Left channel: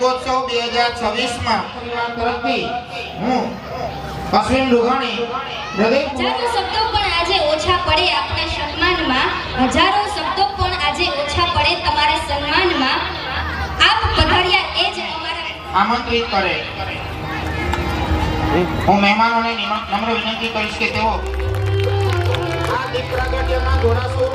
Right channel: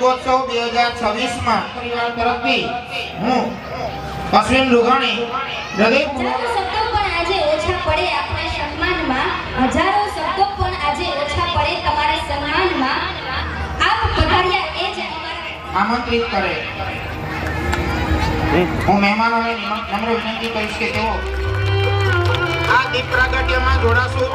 રંગોત્સવ 2026 માં પરિવાર તરફથી હું અશ્વિન લુઘાણી હજારો શબ્દો પણ આજે ઓછા પડે આપને સન્માનમાં, હજારો શબ્દો પણ આજે ઓછા પડે તમારા સન્માનમાં. આપ પધાર્યા એ જ અમારા આમંત્રિત કરે. હું મહેમાનોને નમ્ર વિનંતી કરીશ કે તેઓ આ દીપ પ્રાગટ્યમાં જોડાશું.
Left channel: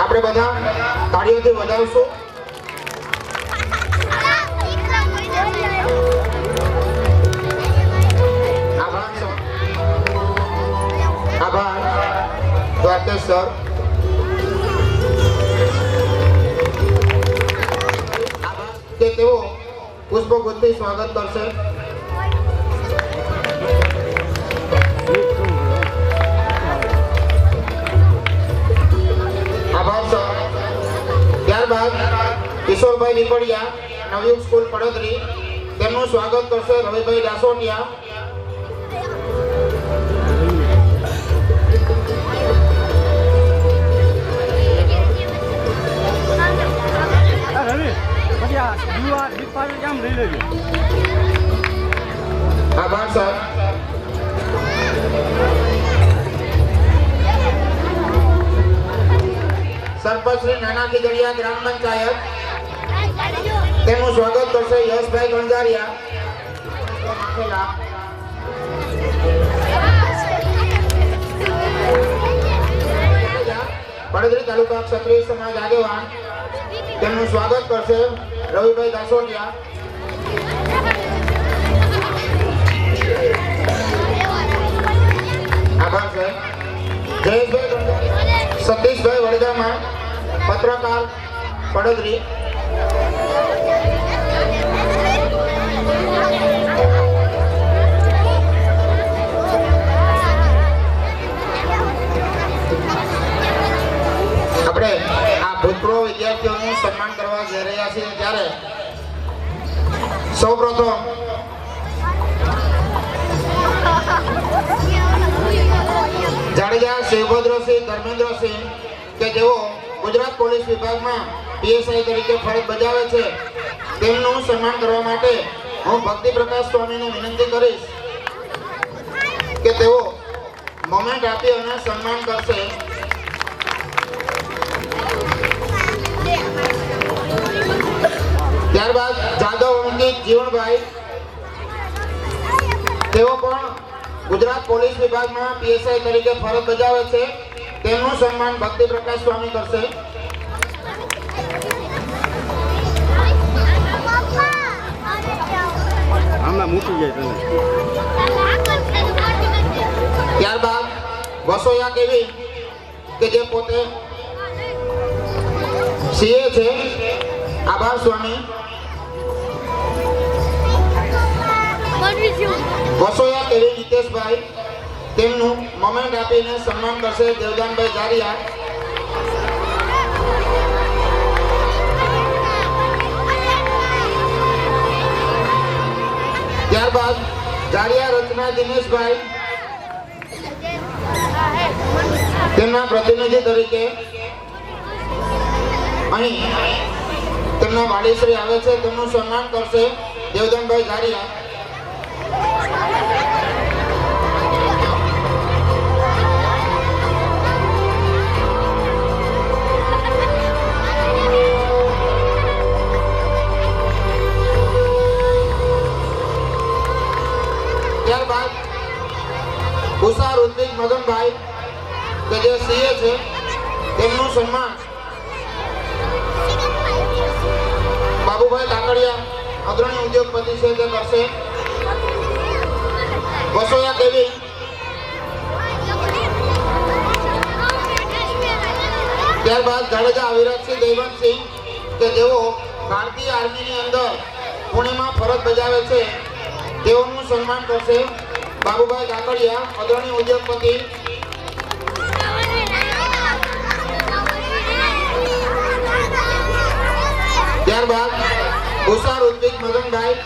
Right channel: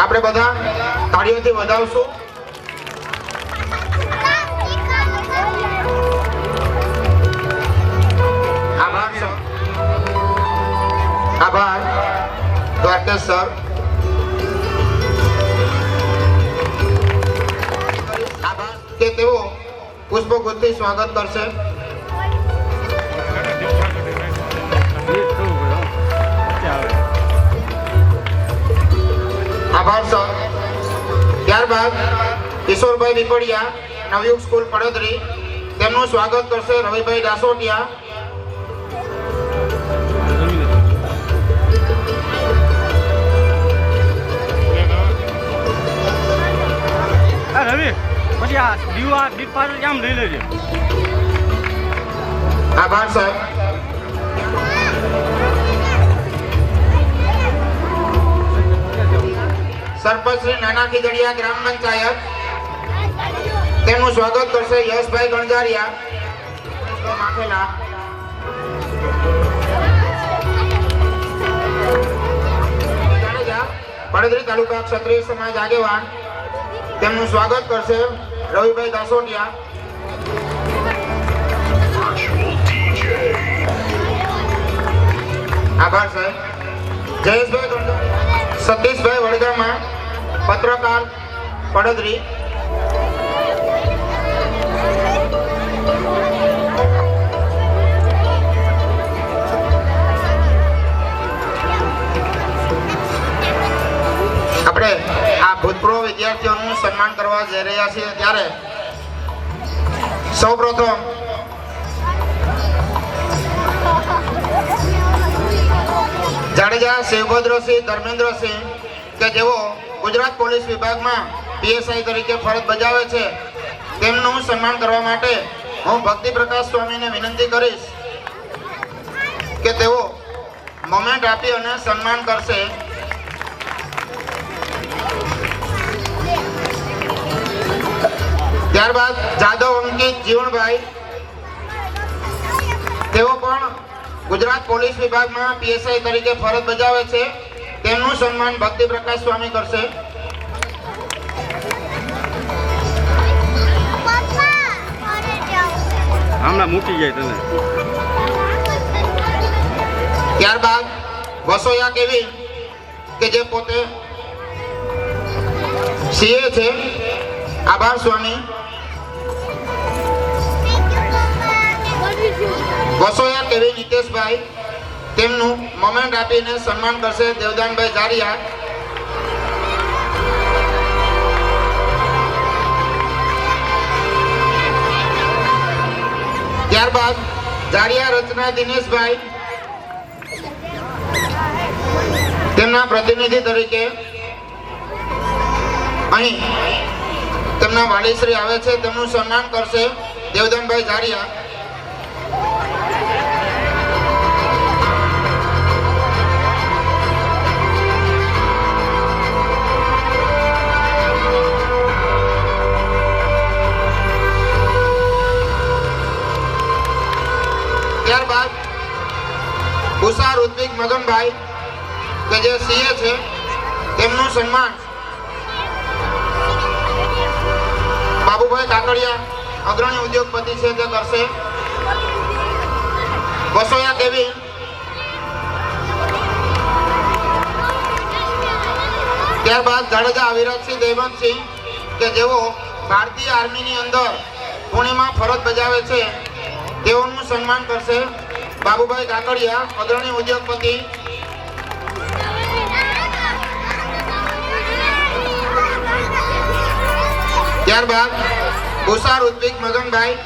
આપણે બધા તાળીઓથી વધાવશું. આભાર દ્વારકેશ સર. કે તેઓ પુષ્પગુચ્છથી સ્વાગત કરશે. આભાર સર. ત્યારબાદ કિશોરભાઈ લીપડિયા, નવયુગ સ્કૂલ પડોદરી, તેમનું સ્વાગત કરશે રવિભાઈ દાસોટિયા. આભાર સર. સરપંચ શ્રી નાના ખીજડીયા ગ્રામ પંચાયત, તેમનું સ્વાગત કરશે યશભાઈ ગણજારિયા. પડોદરી તાલુકા ક્ષત્રિય સમાજ આગેવાન, તેમનું સ્વાગત કરશે રવિભાઈ દાસોટિયા. આભાર સર. જયેશભાઈ સતીશભાઈ વડગામા, પત્રકાર પડોદરી. આપણે આ ભૂતપૂર્વ વિદ્યાર્થીઓનું સન્માન કરવા જઈ રહ્યા છીએ ત્યારે સૌપ્રથમ જાડેજા શિવભદ્રસિંહ ધર્મેન્દ્રસિંહ કે જેઓ ગુજરાત પોલીસ વિભાગમાં પીએસઆઈ તરીકે ફરજ બજાવે છે, તેમનું સન્માન કરવા માટે હું ભક્તિ પ્રકાશ સ્વામીને વિનંતી કરીશ કે તેઓ મોમેન્ટ આપી અને સન્માન કરશે. ત્યારબાદ જાદવ અંકિત જીવણભાઈ, તેઓ પણ ગુજરાત પોલીસ વિભાગમાં પીએસઆઈ તરીકે ફરજ બજાવે છે, તેમનું સન્માન ભક્તિ પ્રકાશ સ્વામી કરશે. ત્યારબાદ વસોયા કેવી કે જે પોતે સીએ છે, આભાર સ્વામી. વસોયા કેવી નીતેશભાઈ, તેમનું મોમેન્ટ આપીને સન્માન કરશે દેવદાનભાઈ જારિયા. ત્યારબાદ જારિયા રચના દિનેશભાઈ, તેમના પ્રતિનિધિ તરીકે અહીં તેમના વાડીશ્રી આવે છે, તેમનું સન્માન કરશે દેવદાનભાઈ જારિયા. ભૂષા ઋત્વિક મગનભાઈ કે જે સીએ છે તેમનું સન્માન બાબુભાઈ કાકડિયા અગ્રણી ઉદ્યોગપતિ છે તે કરશે. વસોયા દેવી ત્યારબાદ જાડેજા અવિરતસિંહ દેવંતસિંહ કે જેઓ ભારતીય આર્મીની અંદર પુણેમાં ફરજ બજાવે છે તેઓનું સન્માન કરશે બાબુભાઈ કાકડિયા અગ્રણી ઉદ્યોગપતિ. ત્યારબાદ ભૂષા ઋત્વિક મગનભાઈ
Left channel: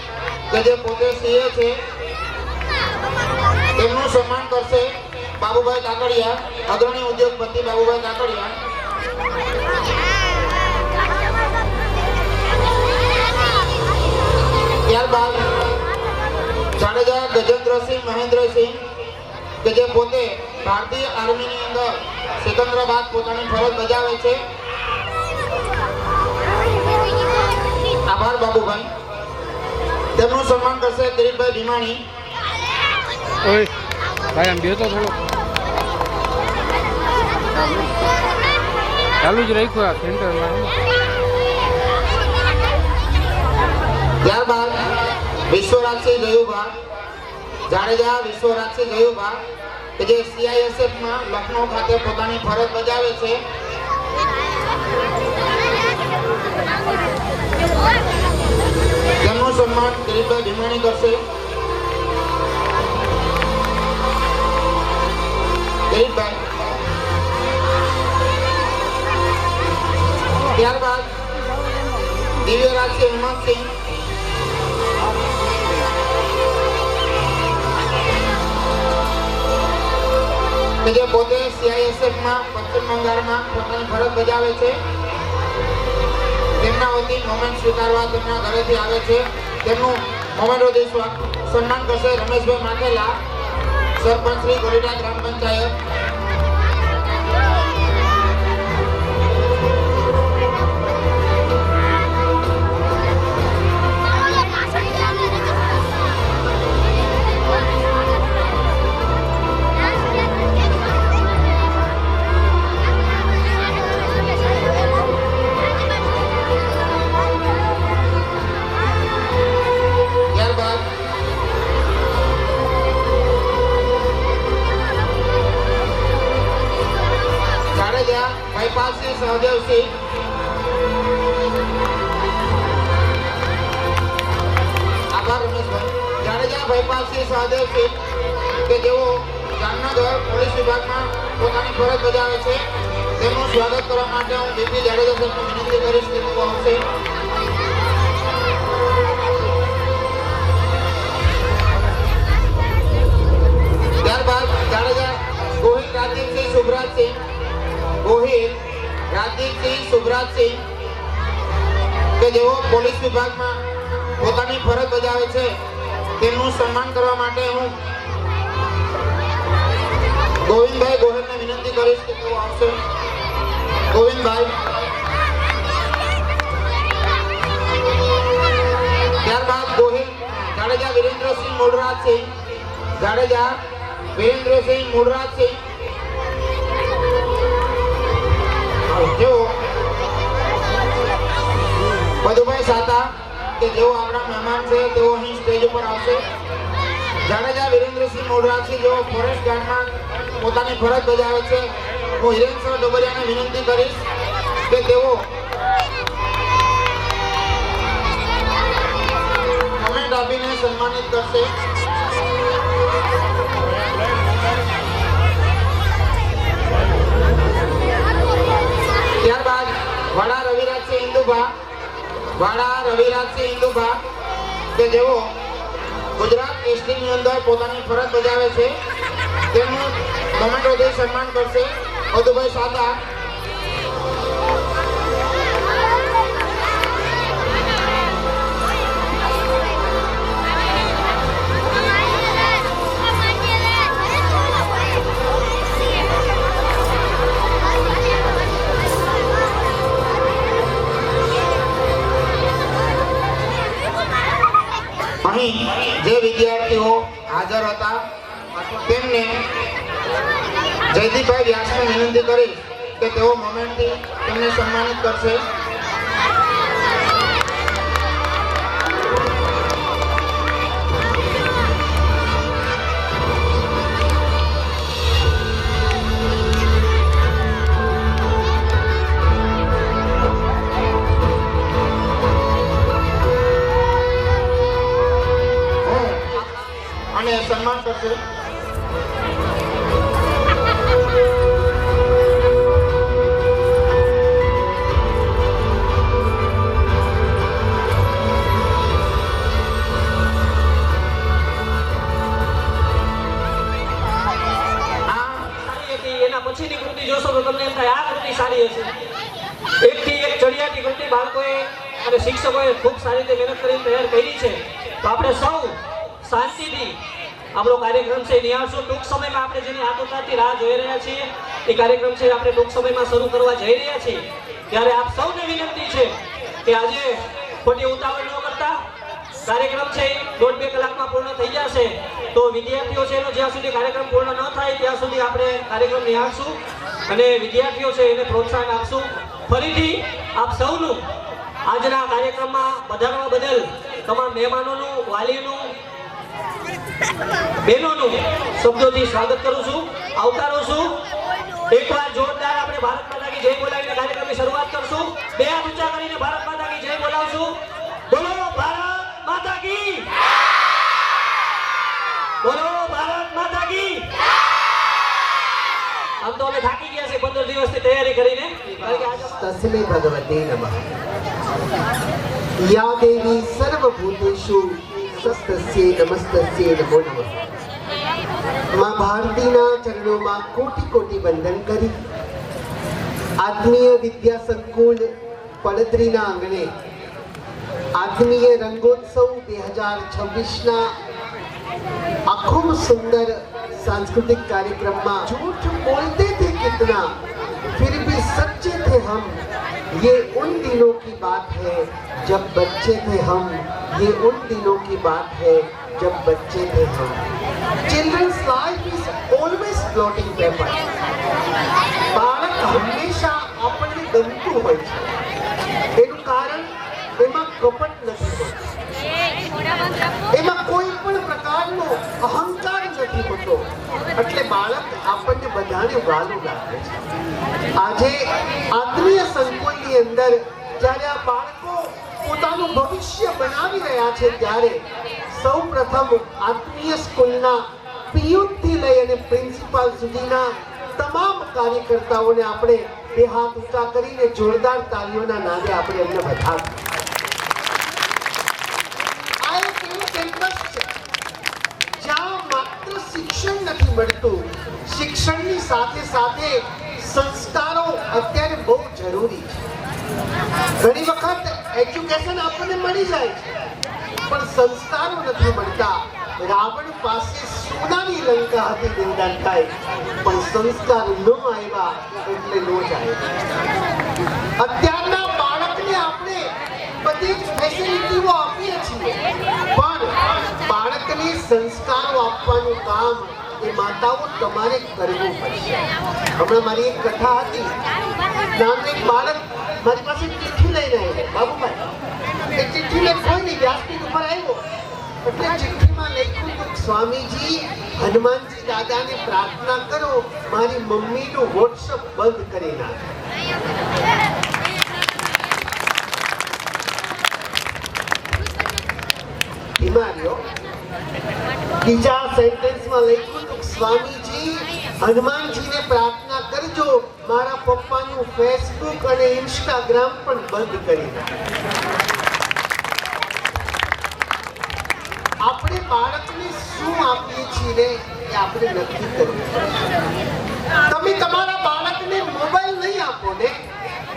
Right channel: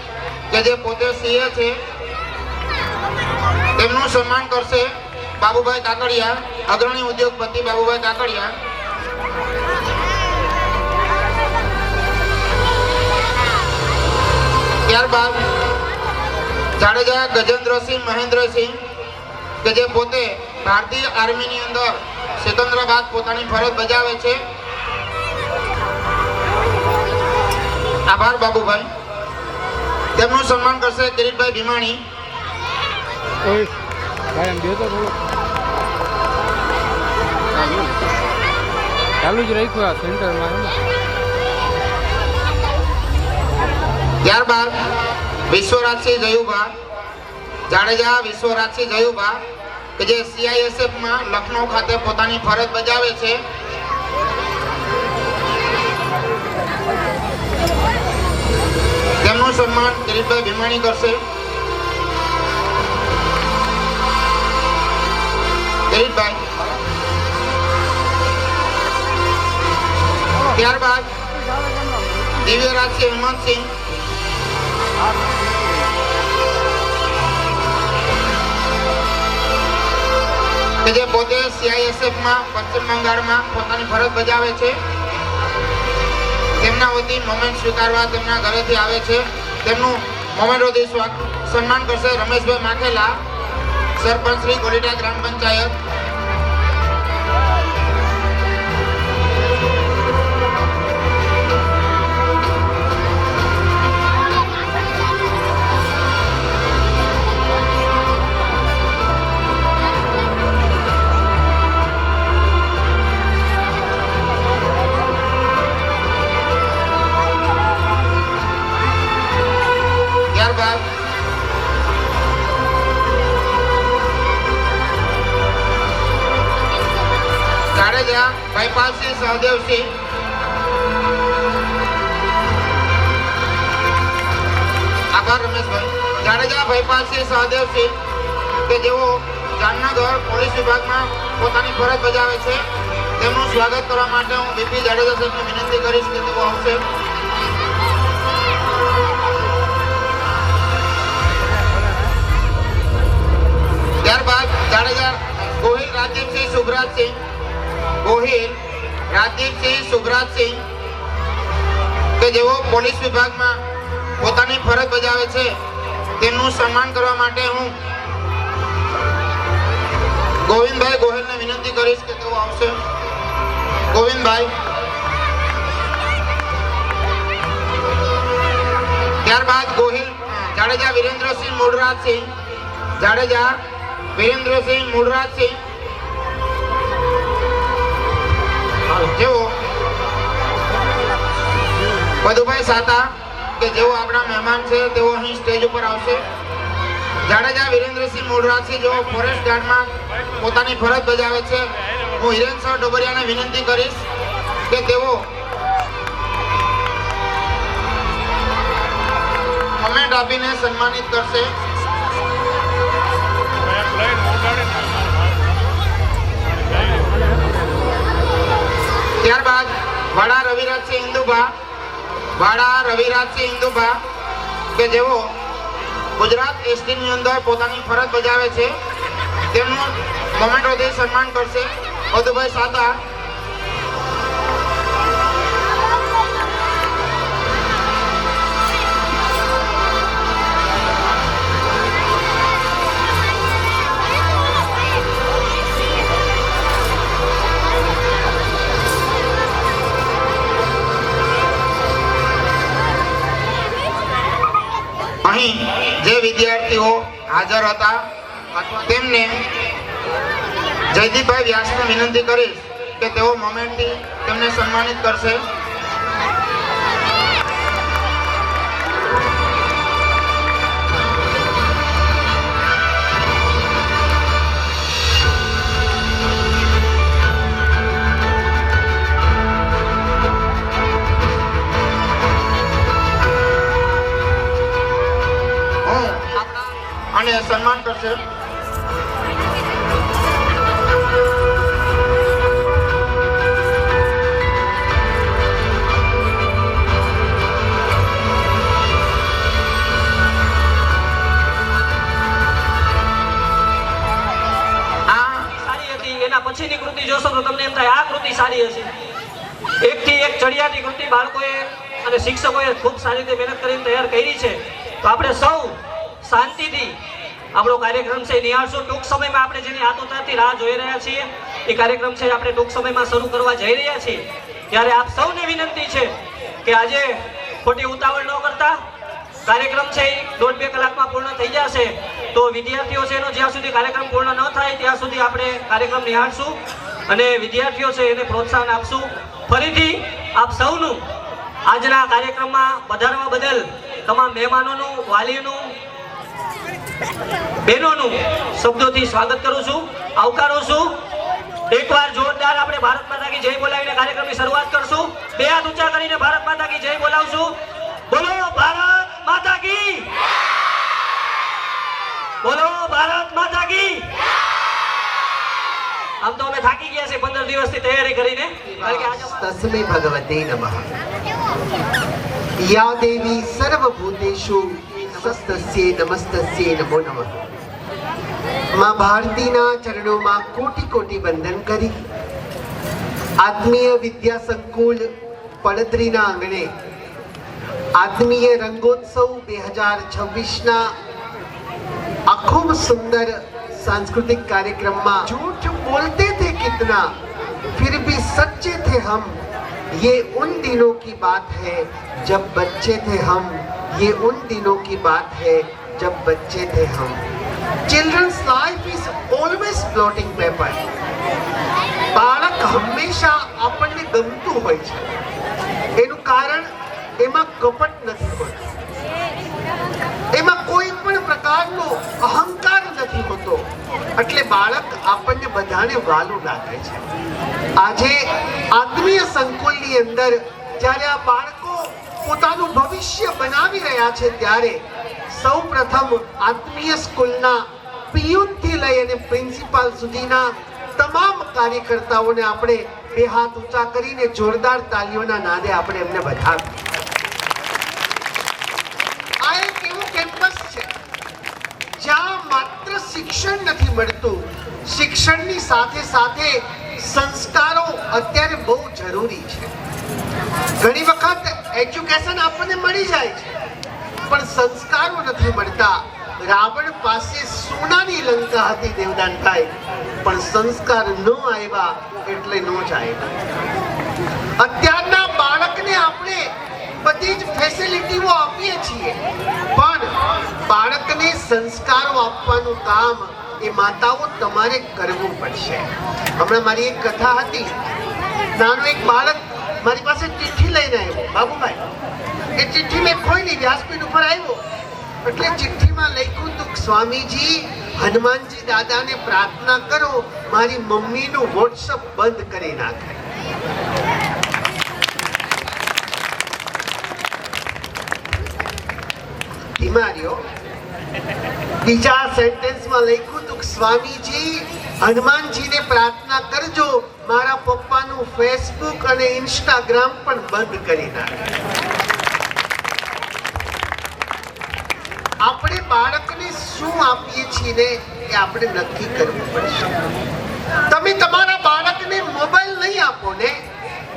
કે જે પોતે સીએ છે તેમનું સન્માન કરશે બાબુભાઈ કાકડિયા અગ્રણી ઉદ્યોગપતિ બાબુભાઈ કાકડિયા. ત્યારબાદ જાડેજા ગજેન્દ્રસિંહ મહેન્દ્રસિંહ કે જે પોતે ભારતીય આર્મીની અંદર સિકંદરાબાદ પોતાની ફરજ બજાવે છે. આભાર બાબુભાઈ. તેમનું સન્માન કરશે કિરીટભાઈ ભીમાણી. ઓય ભાઈ આમ બેસો થોડો ચાલુ જ રાખ્યું આ સેન્ટરમાં. ત્યારબાદ વિશ્વરાજસિંહ જયુભા જાડેજા વિશ્વરાજસિંહ જયુભા કે જે CISF માં લખનૌ ખાતે પોતાની ફરજ બજાવે છે. તેમનું સન્માન કિરીટભાઈ ભીમાણી કરશે. કિરીટભાઈ. ત્યારબાદ દિવ્યરાજસિંહ હેમંતસિંહ કે જે પોતે CISF માં પશ્ચિમ બંગાળમાં પોતાની ફરજ બજાવે છે. તેમના વતી મોમેન્ટ સ્વીકારવા તેમના ઘરેથી આવે છે. તેમનું મોમેન્ટોથી સન્માન કરશે રમેશભાઈ માખેલા સરપંચ શ્રી ગોલીડા ગ્રામ પંચાયત. ભાઈપાલસિંહ સહદેવસિંહ આભાર રમેશભાઈ. જાડેજા ભાઈપાલસિંહ સહદેવસિંહ કે જેઓ જામનગર પોલીસ વિભાગમાં પોતાની ફરજ બજાવે છે તેમનું સ્વાગત કરવા માટે હું બીપી જાડેજા સાહેબને વિનંતી કરીશ કે તેઓ આવશે. ત્યારબાદ જાડેજા ગોહિલ રાજદીપસિંહ સુભરાજસિંહ ગોહિલ રાજદીપસિંહ સુભરાજસિંહ કે જેઓ પોલીસ વિભાગમાં પોતાની ફરજ બજાવે છે તેમનું સન્માન કરવા માટે હું ગોવિંદભાઈ ગોહિલને વિનંતી કરીશ કે તેઓ આવશે. ગોવિંદભાઈ. ત્યારબાદ ગોહિલ જાડેજા વિરેન્દ્રસિંહ મૂળરાજસિંહ જાડેજા વિરેન્દ્રસિંહ મૂળરાજસિંહ જેઓ મધુભાઈ સાતા કે જેઓ આપણા મહેમાન છે તેઓ અહીં સ્ટેજ ઉપર આવશે. જાડેજા વિરેન્દ્રસિંહ મૂળરાજસિંહ જેઓ ફોરેસ્ટ ગાર્ડમાં પોતાની ફરજ બજાવે છે હું હિરેનસર ડોબરિયાને વિનંતી કરીશ કે તેઓ કમેન્ટ આપીને સન્માનિત કરશે. ત્યારબાદ વાડા રવિરાજસિંહ ઇન્દુભા કે જેઓ ગુજરાત એસટીની અંદર પોતાની ફરજ બજાવે છે તેમનું મોમેન્ટોથી સન્માન કરશે મધુભાઈ સાતા. અહીં જે વિદ્યાર્થીઓ હાજર હતા તેમને જયદીપભાઈ વ્યાસને વિનંતી કરીશ કે તેઓ મોમેન્ટથી તેમને સન્માનિત કરશે. અને સન્માન કરશે. પછીની કૃતિ જોશો તો તમને એમ થાય આ કૃતિ સારી હશે. એકથી એક ચડિયાતી કૃતિ બાળકોએ અને શિક્ષકોએ ખૂબ સારી રીતે મહેનત કરીને તૈયાર કરી છે. તો આપણે સૌ શાંતિથી આપણો કાર્યક્રમ છે નિહાળશું. ટૂંક સમયમાં આપણે જેની આતુરતાથી રાહ જોઈ રહ્યા છીએ એ કાર્યક્રમ છે આપણે ટૂંક સમયમાં શરૂ કરવા જઈ રહ્યા છીએ. ત્યારે આપ સૌને વિનંતી છે કે આજે ખોટી ઉતાવળ ન કરતા કાર્યક્રમ છે એ 1.5-2 કલાકમાં પૂર્ણ થઈ જશે. તો વિદ્યાર્થીઓ છે એનો જ્યાં સુધી કાર્યક્રમ પૂર્ણ ન થાય ત્યાં સુધી આપણે કાર્યક્રમ નિહાળશું અને વિદ્યાર્થીઓ છે એને પ્રોત્સાહન આપશું. ફરીથી આપ સૌનું આજના કાર્યક્રમમાં પધારવા બદલ તમામ મહેમાનોનું, વાલીઓનું, બહેનોનું શબ્દોથી સ્વાગત કરું છું, આવકારું છું. એકવાર જોરદાર આપણે ભારત માતા કી જય બોલાવીને કાર્યક્રમની શરૂઆત કરશું. બે હાથ ઊંચા કરીને ભારત માતા કી જય બોલાવશું. બોલો ભારત માતા કી, બોલો ભારત માતા કી. આમ તો અમે થાકી ગયા છે 15 દિવસની તૈયારી કરીને. તસ્मै ભગવતે નમઃ. યા દેવી સર્વભૂતેષુ નમસ્તસ્યે નમસ્તસ્યે નમો નમઃ. માં ભારતીના ચરણોમાં કોટી કોટી વંદન કરી આત્મીય વિદ્યા સંકુલ પડદરીના આંગણે આત્મીય રંગોત્સવ 2026ના આ ખૂબ સુંદર सांस्कृतिक कार्यक्रम में झूठ बोलते थे कितना फिर भी सच्चे थे हम. ये उन दिनों की बात है जब बच्चे थे हम. ये उन दिनों की बात है जब बच्चे थे हम. Children's life is always blotting paper. બાળક હંમેશા આપણને ગમતું હોય છે. એનું કારણ એમાં કપટ નથી હોતું, એમાં કોઈ પણ પ્રકારનો અહંકાર નથી હોતો. એટલે બાળક આપણને બધાને વાલું લાગે છે. આજે આત્મીય સંકુલની અંદર જ્યારે આ બાળકો પોતાનું ભવિષ્ય બનાવી રહ્યા છે ત્યારે સૌપ્રથમ આત્મીય સ્કૂલના પિયુનથી લઈ અને પ્રિન્સિપાલ સુધીના તમામ કાર્યકર્તાઓને આપણે બે હાથ ઊંચા કરીને જોરદાર તાલીઓના નાદે આપણે એમને વધાવીએ. આ એક એવું કેમ્પસ છે જ્યાં માત્ર શિક્ષણ નથી મળતું, શિક્ષણની સાથે સાથે સંસ્કારો અત્યારે બહુ જરૂરી છે. ઘણી વખત એજ્યુકેશન આપણને મળી જાય છે પણ સંસ્કારો નથી મળતા. રાવણ પાસે સોનાની લંકા હતી દેવદાનભાઈ, પણ સંસ્કાર ન આવ્યા એટલે ન જાય. અત્યારના બાળકને આપણે બધી જ ફેસિલિટીઓ આપીએ છીએ પણ બાળકને સંસ્કારો આપવાનું કામ એ માતાઓ તમારે કરવું પડશે. હમણાં મારી એક કથા હતી. નાનું એક બાળક મારી પાસે ચિઠ્ઠી લઈને આવ્યો, બાબુભાઈ. એ ચિઠ્ઠી મેં કોઈ નહીં, વ્યાસપીઠ ઉપર આવ્યો એટલે ચિઠ્ઠીમાં લખ્યું હતું, સ્વામીજી હનુમાનજી દાદાને પ્રાર્થના કરો મારી મમ્મીનું વોટ્સઅપ બંધ કરી નાખે. હિમાર્યો બીજા સેન્ટેન્સમાં લખ્યું હતું, સ્વામીજી હનુમાનજીને પ્રાર્થના કરજો મારા પપ્પાનું ફેસબુક અને ઇન્સ્ટાગ્રામ પણ બંધ કરી નાખે. આપણે બાળકને શું આપીએ છીએ ને એ આપણે નક્કી કરવું પડશે. તમે તમારા બાળકને મોબાઈલ નહીં આપો ને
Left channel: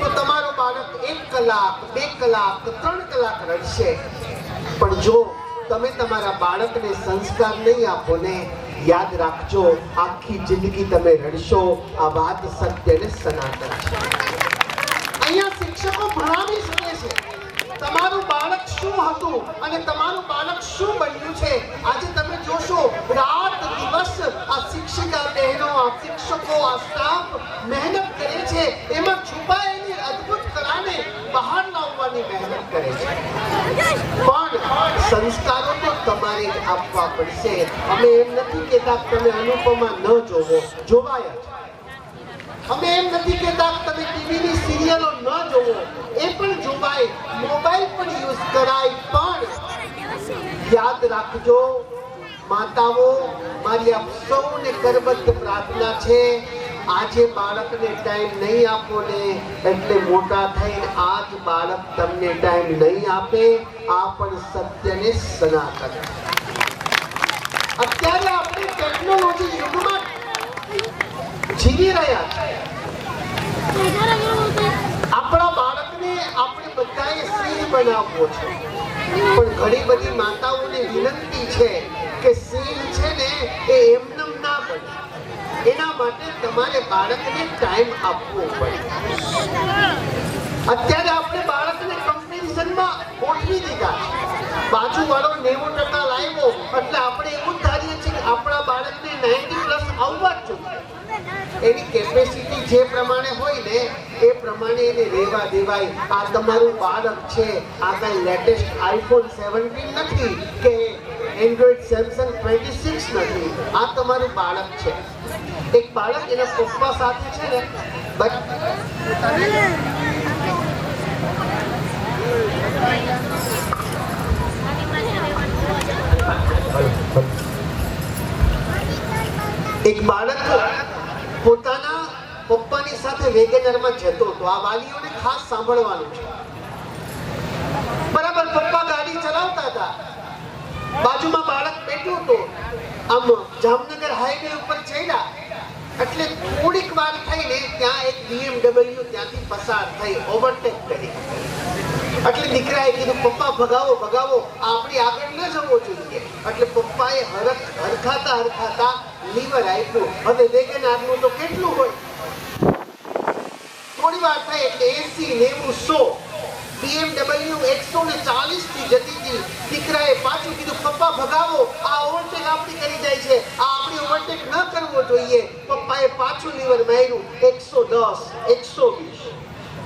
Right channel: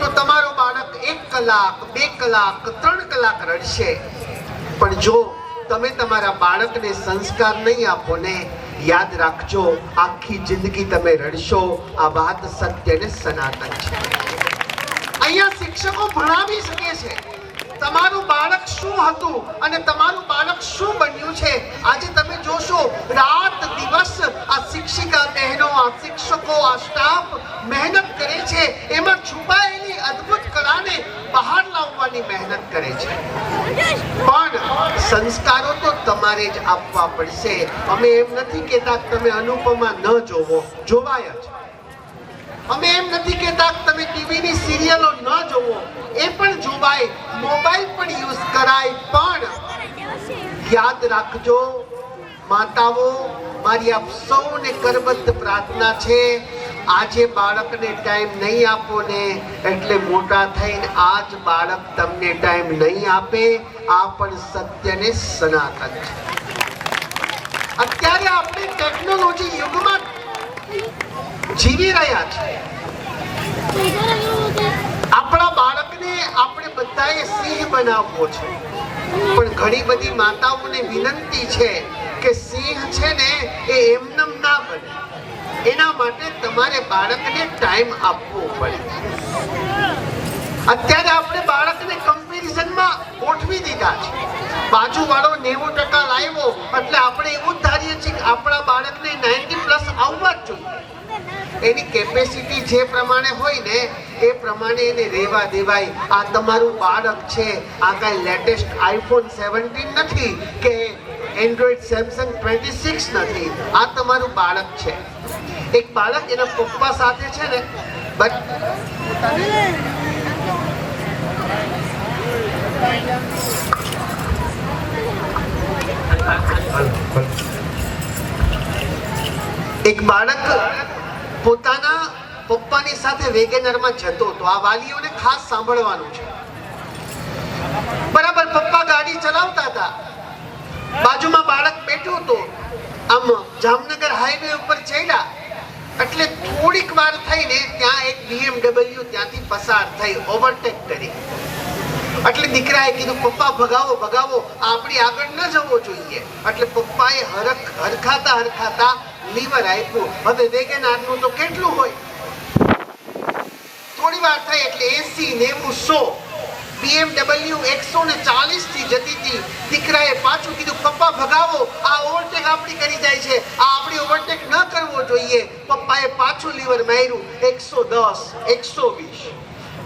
તો તમારો બાળક 1 કલાક 2 કલાક 3 કલાક રડશે. પણ જો તમે તમારા બાળકને સંસ્કાર નહીં આપો ને, યાદ રાખજો આખી જિંદગી તમે રડશો. આ વાત સત્ય ને સનાતન છે. અહીંયા શિક્ષકો ભણાવી શકે છે તમારું બાળક શું હતું અને તમારું બાળક શું બન્યું છે. આજે તમે જોશો રાત દિવસ આ શિક્ષિકા બહેનો શિક્ષકો આ સ્ટાફ મહેનત કરે છે, એમાં છુપાયેલી અદ્ભુત કળાને બહાર લાવવાની મહેનત કરે છે. પણ સંસ્કારો તો તમારે જ આપવા પડશે. અમે એમ નથી કહેતા કે તમે અનુપમા ન જોવો, જોવાય જ. અમે એમ નથી કહેતા કે તમે ટીવીની સિરિયલો ન જોવો, એ પણ જોવાય, મોબાઈલ પણ યુઝ કરાય. પણ યાદ રાખજો માતાઓ, મારી આપ સૌને કરબદ્ધ પ્રાર્થના છે, આજે બાળકને ટાઈમ નહીં આપો ને એટલે મોટા થઈને આજ બાળક તમને ટાઈમ નહીં આપે. આ પણ સત્યને સનાતન. અત્યારે આપણે ટેકનોલોજી યુગમાં જીવી રહ્યા છીએ. આપણા બાળકને આપણે બધાએ સિંહ બનાવવો છે, પણ ઘણી બધી માતાઓને વિનંતી છે કે સિંહ છે ને એ એમનેમ ના બને. એના માટે તમારે બાળકને ટાઈમ આપવો પડે. અત્યારે આપણે બાળકને કમ્પેરિઝનમાં ગોઠવી દીધા છે. બાજુવાળો 90% લાવ્યો એટલે આપણે એવું ધારીએ છીએ કે આપણા બાળકને 90+ આવવા જ જોઈએ. એની કેપેસિટી જે પ્રમાણે હોય ને એ પ્રમાણે એને રહેવા દેવાય. આ તમારું બાળક છે, આ કાંઈ લેટેસ્ટ આઈફોન 17 નથી કે એન્ડ્રોઈડ સેમસંગ 26 નથી. આ તમારું બાળક છે. એક બાળક એના પપ્પા સાથે છે ને એક બાળક પોતાના પપ્પાની સાથે વેગેનરમાં જતો હતો. આ વાલીઓને ખાસ સાંભળવાનું છે. બરાબર પપ્પા ગાડી ચલાવતા હતા, બાજુમાં બાળક બેઠું હતો. આમ જામનગર હાઈવે ઉપર ચડ્યા એટલે થોડીક વાર થઈને ત્યાં એક BMW ત્યાંથી પસાર થઈ, ઓવરટેક કરી. એટલે દીકરાએ કીધું પપ્પા ભગાવો ભગાવો, આપણી આગળ ન જવો જોઈએ. એટલે પપ્પાએ હરખાતા લીવર આપ્યું. હવે વેગેનારનું તો કેટલું હોય, થોડી વાર થઈ એટલે 80, 90, 100 BMW 140 થી જતી હતી. દીકરાએ પાછું કીધું પપ્પા ભગાવો, આ ઓવરટેક આપણી કરી જાય છે, આ આપણી ઓવરટેક ન કરવો જોઈએ. પપ્પાએ પાછું લીવર માર્યું, 110, 120.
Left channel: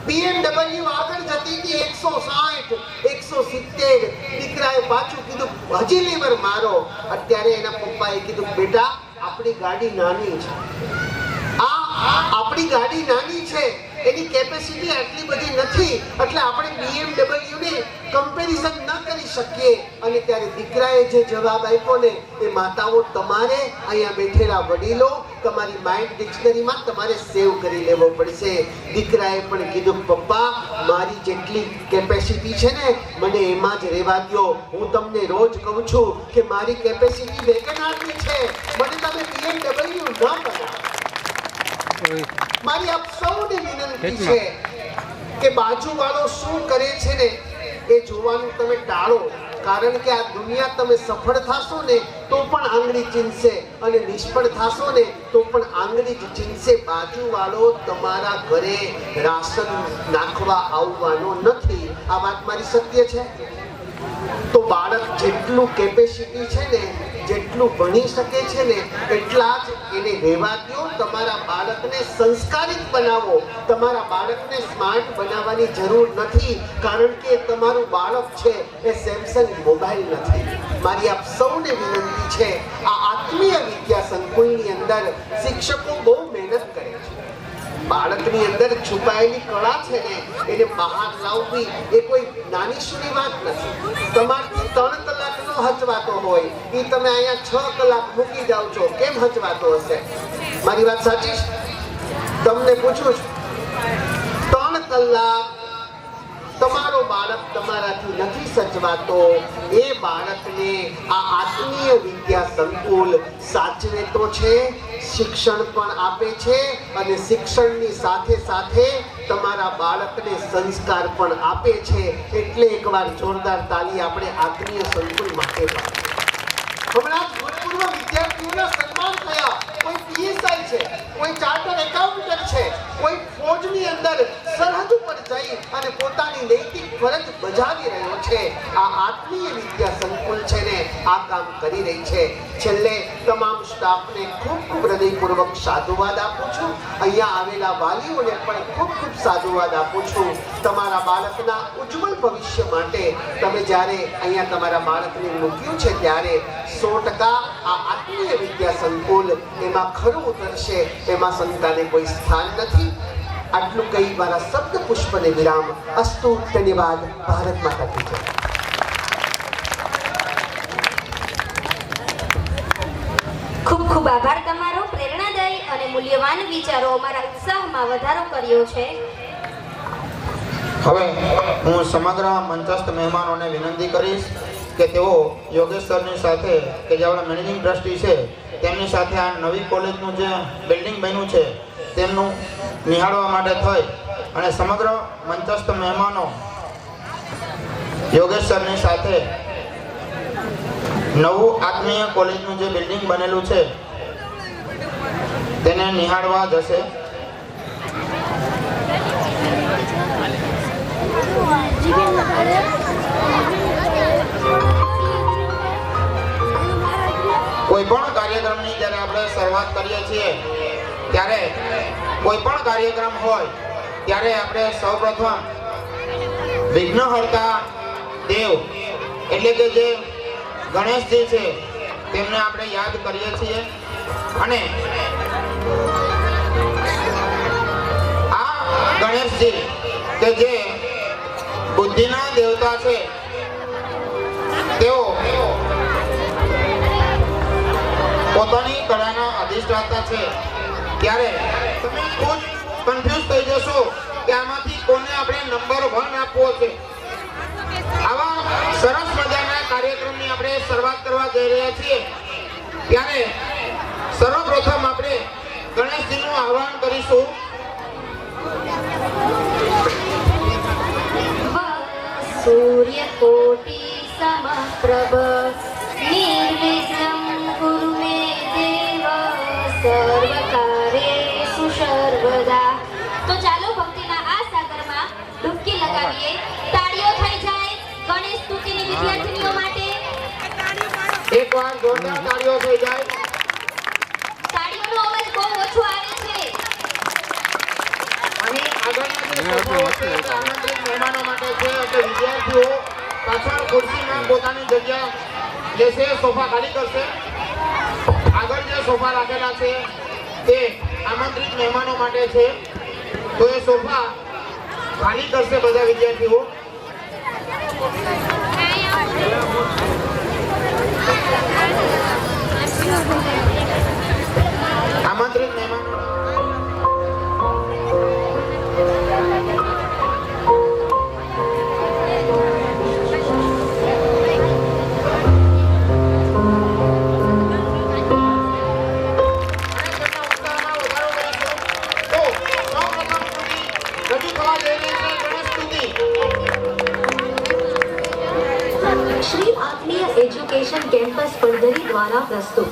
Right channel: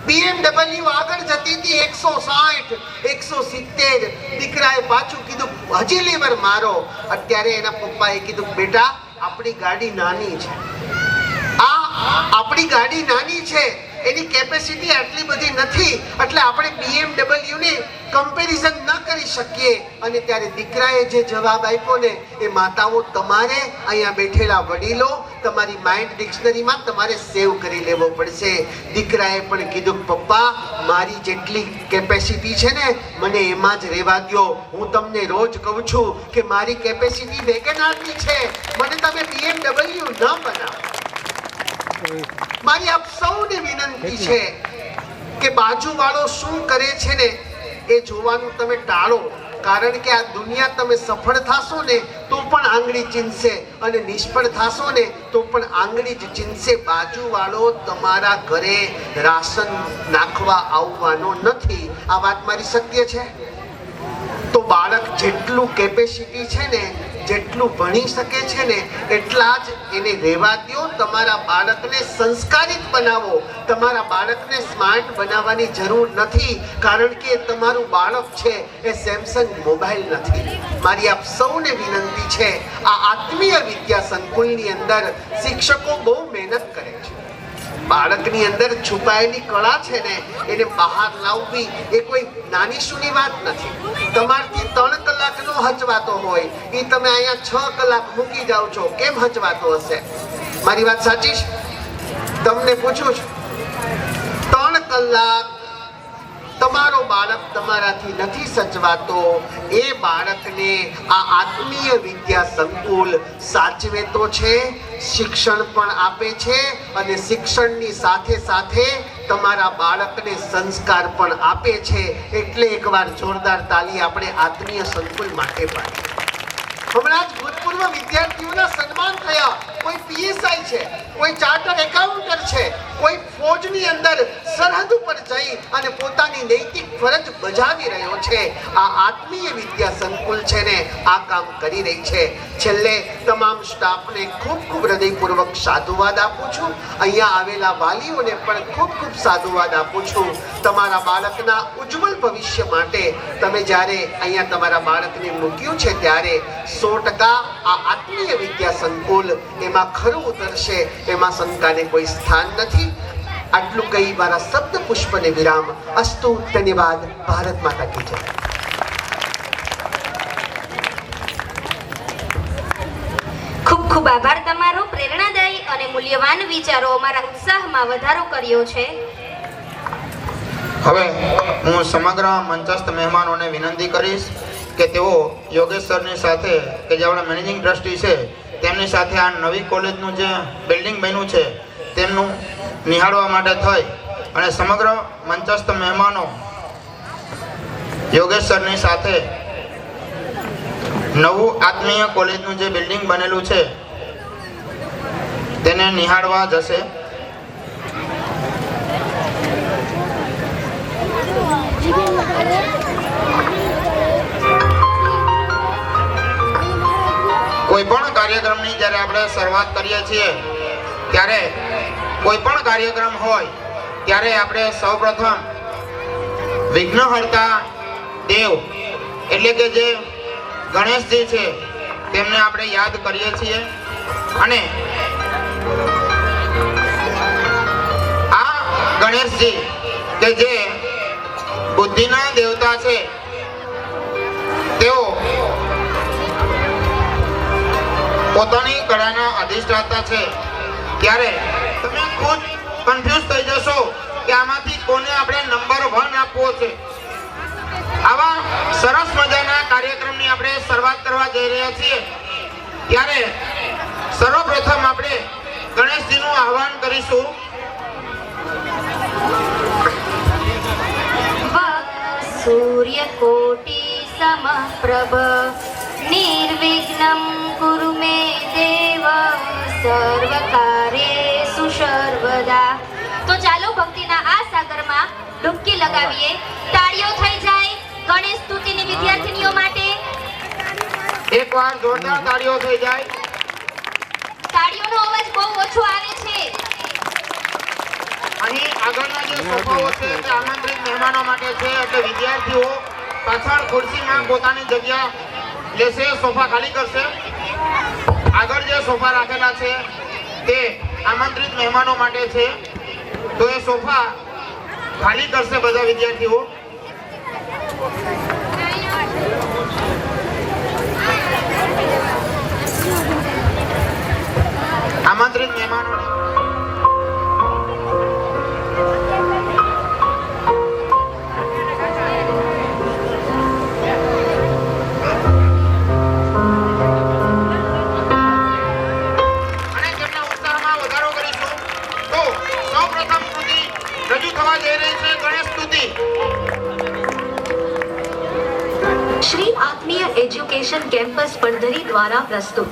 BMW આગળ જતી હતી 160, 170. દીકરાએ પાછું કીધું હજી લીવર મારો. અત્યારે એના પપ્પાએ કીધું બેટા આપણી ગાડી નાની છે, આપણી ગાડી નાની છે, એની કેપેસિટી આટલી બધી નથી, એટલે આપણે BMW ની કમ્પેરિઝન ન કરી શકીએ. અને ત્યારે દીકરાએ જે જવાબ આપ્યો ને એ માતાઓ તમારે અહીંયા બેઠેલા વડીલો તમારી માઇન્ડ ડિક્શનરીમાં તમારે સેવ કરી લેવો પડશે. દીકરાએ પણ કીધું પપ્પા મારી જેટલી કેપેસિટી છે ને મને એમાં જ રહેવા દો. હું તમને રોજ કહું છું કે મારી કેપેસિટી વેગેનારની છે, મને તમે BMW ન બનાવો. મારી આપ સૌને વિનંતી છે કે બાજુવાળો શું કરે છે ને એ જોવાનું તમે ટાળો. કારણ કે આ દુનિયા તમે સફળ થાશો ને તો પણ આંગળી ચીંધશે અને નિષ્ફળ થાશો ને તો પણ આંગળી જ ચીંધશે. બાજુવાળો તમારા ઘરે રાશન નાખવા આવવાનો નથી. આ વાત મારી સત્ય છે. તો બાળક જેટલું કેપેસિટી છે ને, જેટલું ભણી શકે છે ને એટલા જ એને રહેવા દો. તમારા બાળકને સંસ્કારિત બનાવો. તમારા બાળકને સ્માર્ટ બનાવવાની જરૂર નથી, કારણ કે તમારું બાળક છે એ સેમસંગ મોબાઈલ નથી. મારી આપ સૌને વિનંતી છે, આ આત્મીય વિદ્યા સંકુલની અંદર શિક્ષકો બહુ મહેનત કરે છે. બાળકની અંદર છુપાયેલી કળા છે ને એને બહાર લાવવી એ કોઈ નાની સૂની વાત નથી. તમારથી 3 કલાકનો હચવાતો હોય એ તમે અહીંયા 6 કલાક મૂકી જાઓ છો, કેમ હચવાતો હશે? મારી વાત સાચી છે? તમને પૂછું છું, 3 કલાક તમારો બાળક તમારાથી નથી સચવાતો, એ બાળકને આ આત્મીય વિદ્યા સંકુલ સાચવે તો છે, શિક્ષણ પણ આપે છે અને શિક્ષણની સાથે સાથે તમારા બાળકને સંસ્કાર પણ આપે છે. એટલે એકવાર જોરદાર તાલી આપણે આત્મીય સંકુલ માટે પાડીએ. હમણાં જ ભૂતપૂર્વ વિદ્યાર્થી વ્યક્તિઓના સન્માન થયા. કોઈ પીએસઆઈ છે, કોઈ ચાર્ટર્ડ એકાઉન્ટન્ટ છે, કોઈ ફોજની અંદર સરહદ ઉપર જઈ અને પોતાની નૈતિક ફરજ બજાવી રહ્યો છે. આ આત્મીય વિદ્યા સંકુલ છે ને આ કામ કરી રહી છે. છેલ્લે તમામ સ્ટાફને ખૂબ ખૂબ હૃદયપૂર્વક સાધુવાદ આપું છું. અહીંયા આવેલા વાલીઓને પણ ખૂબ ખૂબ સાધુવાદ આપું છું. તમારા બાળકના ઉજ્જવળ ભવિષ્ય માટે તમે જ્યારે અહીંયા તમારા બાળકને મૂક્યું છે ત્યારે 100% આ આત્મીય વિદ્યા સંકુલ એમાં ખરું ઉતરશે, એમાં શંકાને કોઈ સ્થાન નથી. આટલું કહી મારા શબ્દ પુષ્પને વિરામ. અસ્તુ. ધન્યવાદ. ભારત માતા કી જય. ખૂબ ખૂબ આભાર તમારો. પ્રેરણાદાયી અને મૂલ્યવાન વિચારો અમારા ઉત્સાહમાં વધારો કર્યો છે. હવે હું સમગ્ર મંચસ્થ મહેમાનોને વિનંતી કરીશ કે તેઓ યોગેશ સરની સાથે, કે જે આપણા મેનેજિંગ ટ્રસ્ટી છે, તેમની સાથે આ નવી કોલેજનું જે બિલ્ડિંગ બન્યું છે તેમનું નિહાળવા માટે થઈ અને સમગ્ર મંચસ્થ મહેમાનો યોગેશ સરની સાથે નવું આત્મીય કોલેજનું જે બિલ્ડિંગ બનેલું છે તેને નિહાળવા જશે. કોઈ પણ કાર્યક્રમની જ્યારે આપણે શરૂઆત કરીએ છીએ ત્યારે કોઈ પણ કાર્યક્રમ હોય ત્યારે આપણે સૌપ્રથમ વિઘ્નહર્તા દેવ એટલે કે જે ગણેશજી છે તેમને આપણે યાદ કરીએ છીએ. અને આ ગણેશજી કે જે બુદ્ધિના દેવતા છે તેઓ પોતાની કળાના અધિષ્ઠાતા છે. ત્યારે તમે ખુદ કન્ફ્યુઝ થઈ જશો કે આમાંથી કોને આપણે નંબર 1 આપવો છે. આવા સરસ મજાના કાર્યક્રમની આપણે શરૂઆત કરવા જઈ રહ્યા છીએ ત્યારે સર્વપ્રથમ આપણે ગણેશજીનું આહ્વાન કરીશું. સૂર્યકોટિ સમપ્રભ નિર્વિઘ્નં કુરુ મે દેવ સર્વકાર્યેષુ સર્વદા. તો ચાલો ભક્તિના આ સાગરમાં ડૂબકી લગાવીએ. તાળીઓ થઈ જાય ગણેશ સ્તુતિની વિદ્યાર્થીનીઓ માટે. એકવાર જોરદાર તાળીઓ થઈ જાય. તાળીઓનો અવાજ બહુ ઓછો આવે છે. અને આગળના જે સોફાઓ છે તે આમંત્રિત મહેમાનો માટે છે એટલે વિદ્યાર્થીઓ પાછળ ખુરશીમાં પોતાની જગ્યા લેશે, સોફા ખાલી કરશે. આગળ જે સોફા રાખેલા છે તે આમંત્રિત મહેમાનો માટે છે તો એ સોફા ખાલી કરશે બધા વિદ્યાર્થીઓ. આમંત્રિત મહેમાનો श्री आत्मीय एजुकेशन कैंपस પડધરી દ્વારા પ્રસ્તુત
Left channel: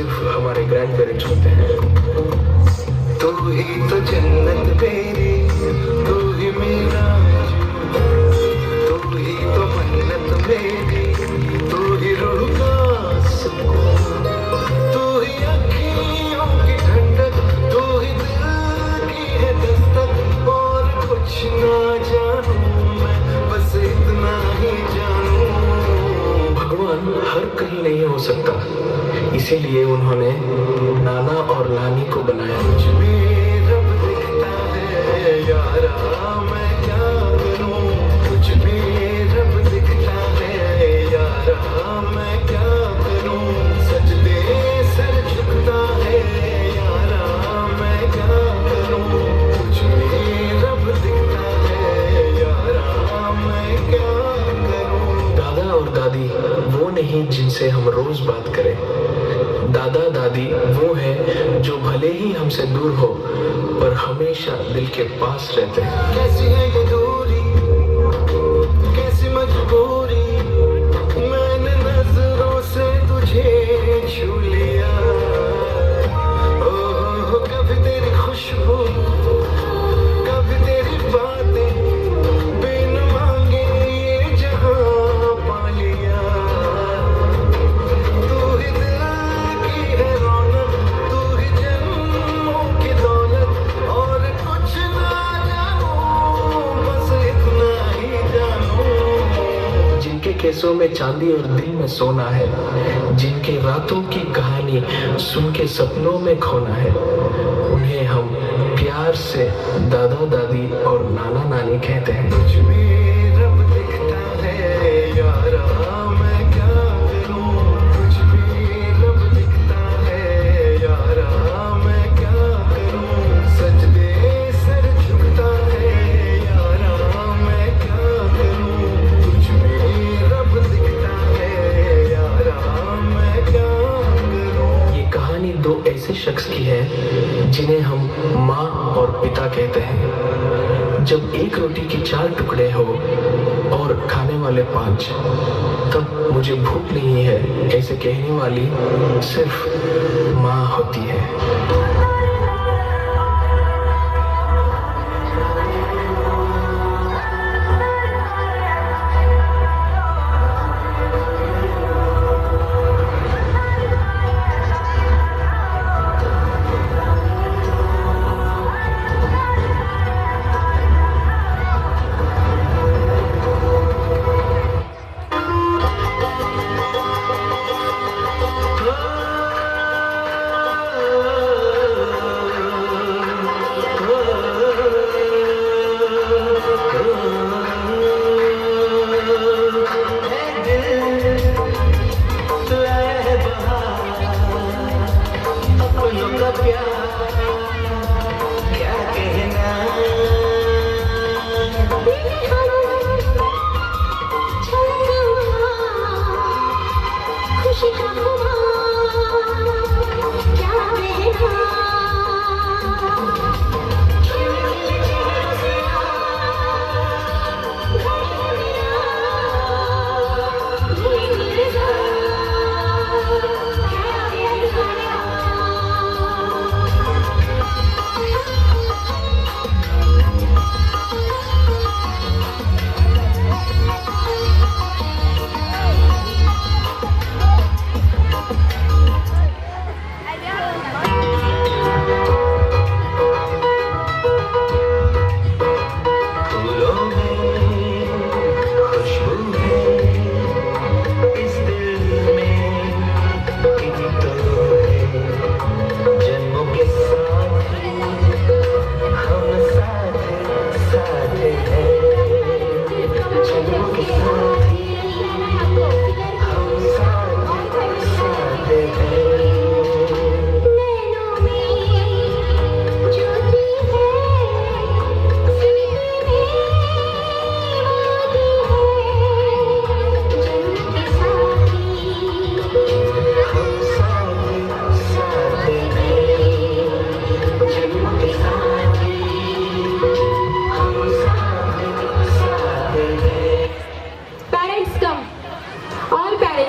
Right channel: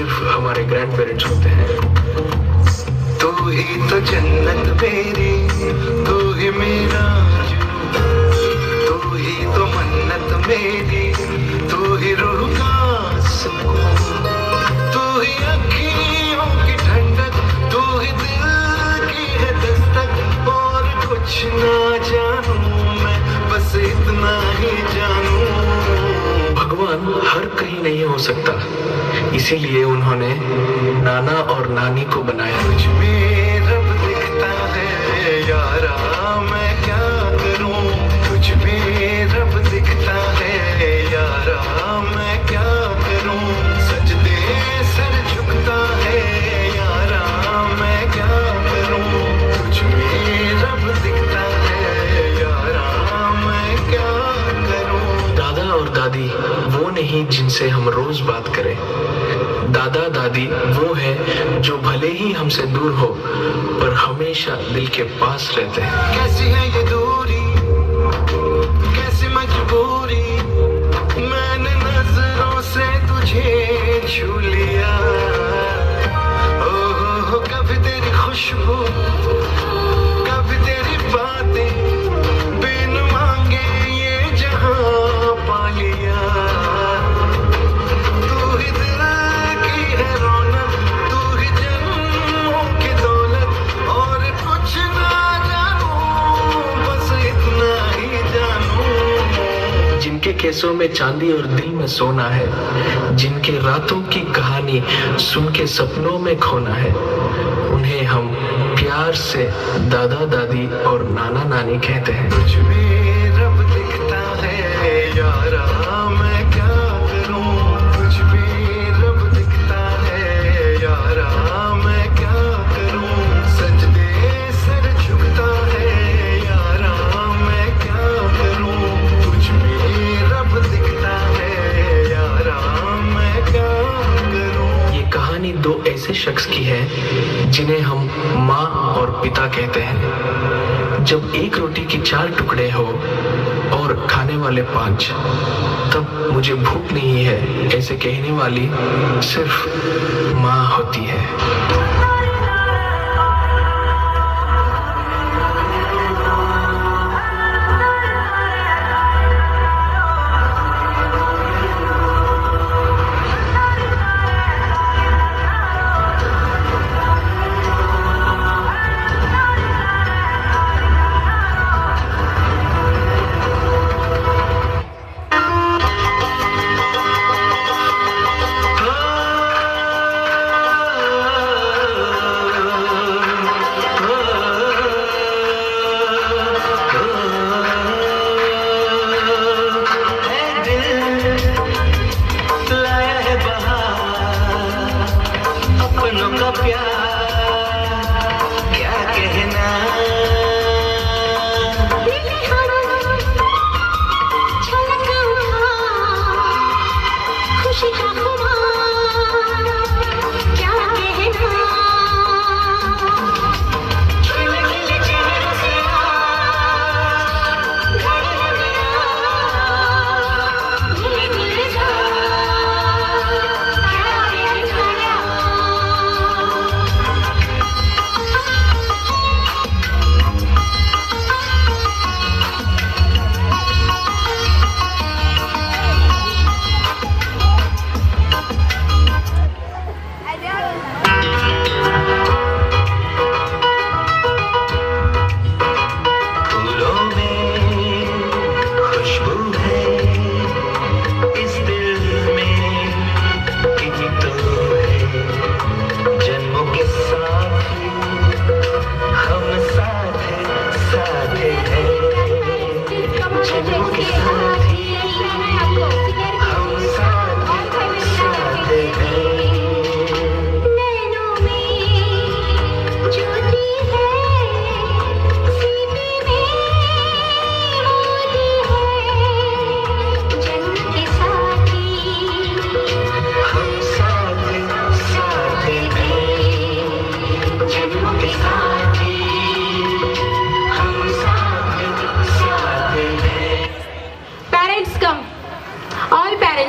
सिर्फ हमारे ग्रैंड पेरेंट्स होते हैं। तू ही तो जन्नत मेरी, तू ही मेरा तू ही तो मन्नत मेरी, तू ही रूह का सुकून, तू ही अखियों की ठंडक, तू ही दिल की है दस्तक। और कुछ ना जानूं मैं, बस इतना ही जानूं। भगवान हर कहीं नहीं हो सकता, इसीलिए उन्होंने नाना और नानी को बनाया। कुछ भी रब दिखता है यारा, मैं क्या करूं? कुछ भी रब दिखता है यारा, मैं क्या करूं? सजदे सर झुकता है यारा, मैं क्या करूं? कुछ भी रब दिखता है यारा, मैं क्या करूं? दादा और दादी वो नहीं जिनसे हम रोज बात करें। दादा दादी वो है जो भले ही हमसे दूर हो पर हमेशा दिल के पास रहते हैं। कैसी है ये दूरी, कैसी मजबूरी, मैंने नजरों से तुझे छू लिया। ओह कभी तेरी खुशबू, कभी तेरी बातें, बिन मांगे ये जहां पा लिया। तू ही दिल की है रौनक, तू ही जन्मों की दौलत। और कुछ ना जानूं, बस इतना ही जानूं। जिनके केसों में चांदी और दिल में सोना है, जिनके रातों की कहानी सुन के सपनों में खोना है, उन्हें हम प्यार से दादा दादी और नाना नानी कहते हैं। कुछ भी रब दिखता है यारा, मैं क्या करूं? कुछ भी रब दिखता है यारा, मैं क्या करूं? सजदे सर झुकता है यारा, मैं क्या करूं? कुछ भी रब दिखता है यारा, मैं क्या करूं? ये कहानी दो ऐसे शख्स की है जिन्हें हम माँ और पिता कहते हैं। जब एक रोटी की 4 टुकड़े हो और खाने वाले 5, तब मुझे भूख नहीं है ऐसे कहने वाली सिर्फ माँ होती है।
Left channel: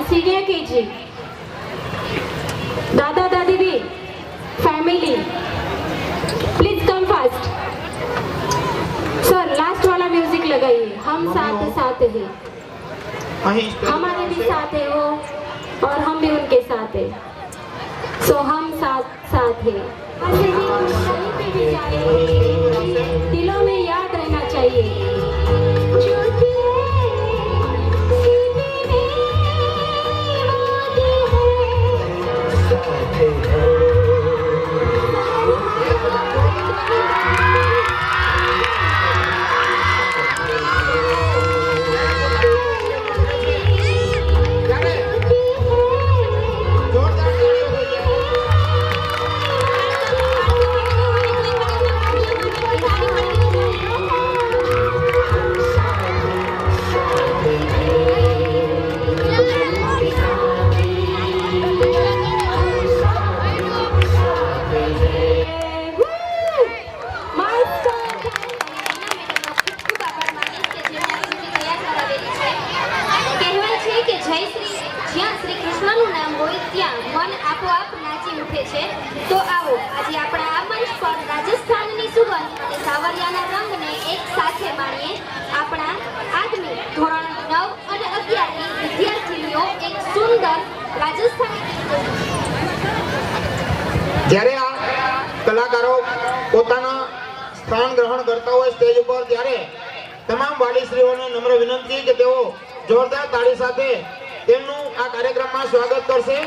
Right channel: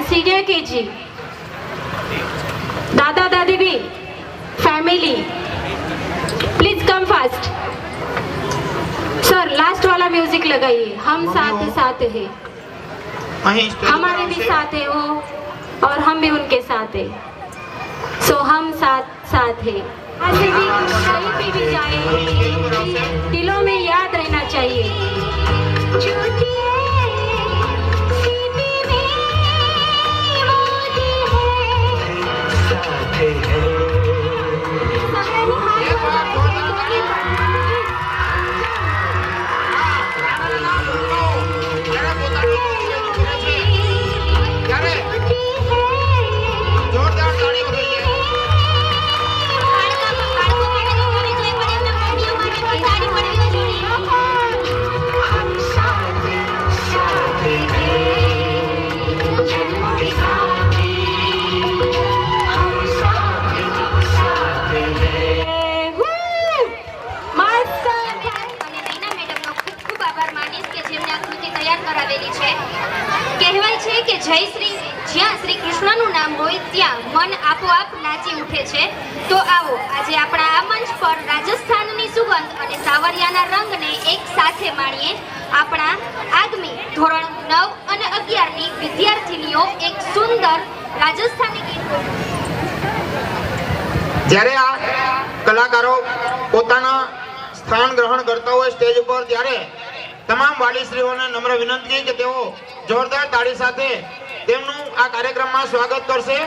सीनियर केजी दादा हम साथ साथ हैं, અહીં સ્ટેજ પર हमारे भी આવશે. साथ है वो और हम भी उनके साथ है। सो हम साथ साथ है। ऐसे भी कहीं पे भी जाए दिलों में याद रहना चाहिए। ત્યારે જોરદાર તાળીઓ જોઈએ. કહેવાય છે કે જ્યાં શ્રી કૃષ્ણનું નામ હોય ત્યાં મન આપોઆપ નાચી ઉઠે છે। તો આવો આજે આપણા આ મંચ પર રાજસ્થાનની સુગંધ અને સાવરિયાના રંગને એક સાથે માણીએ। આપણા આગામી ધોરણ 9 અને 11 ની વિદ્યાર્થીનીઓ એક સુંદર રાજસ્થાની ગીત જ્યારે આ કલાકારો પોતાના સ્થાન ગ્રહણ કરતા હોય સ્ટેજ ઉપર, ત્યારે તમામ વાલીશ્રીઓને નમ્ર વિનંતી કે તેઓ જોરદાર તાળી સાથે તેમનું આ કાર્યક્રમમાં સ્વાગત કરશે।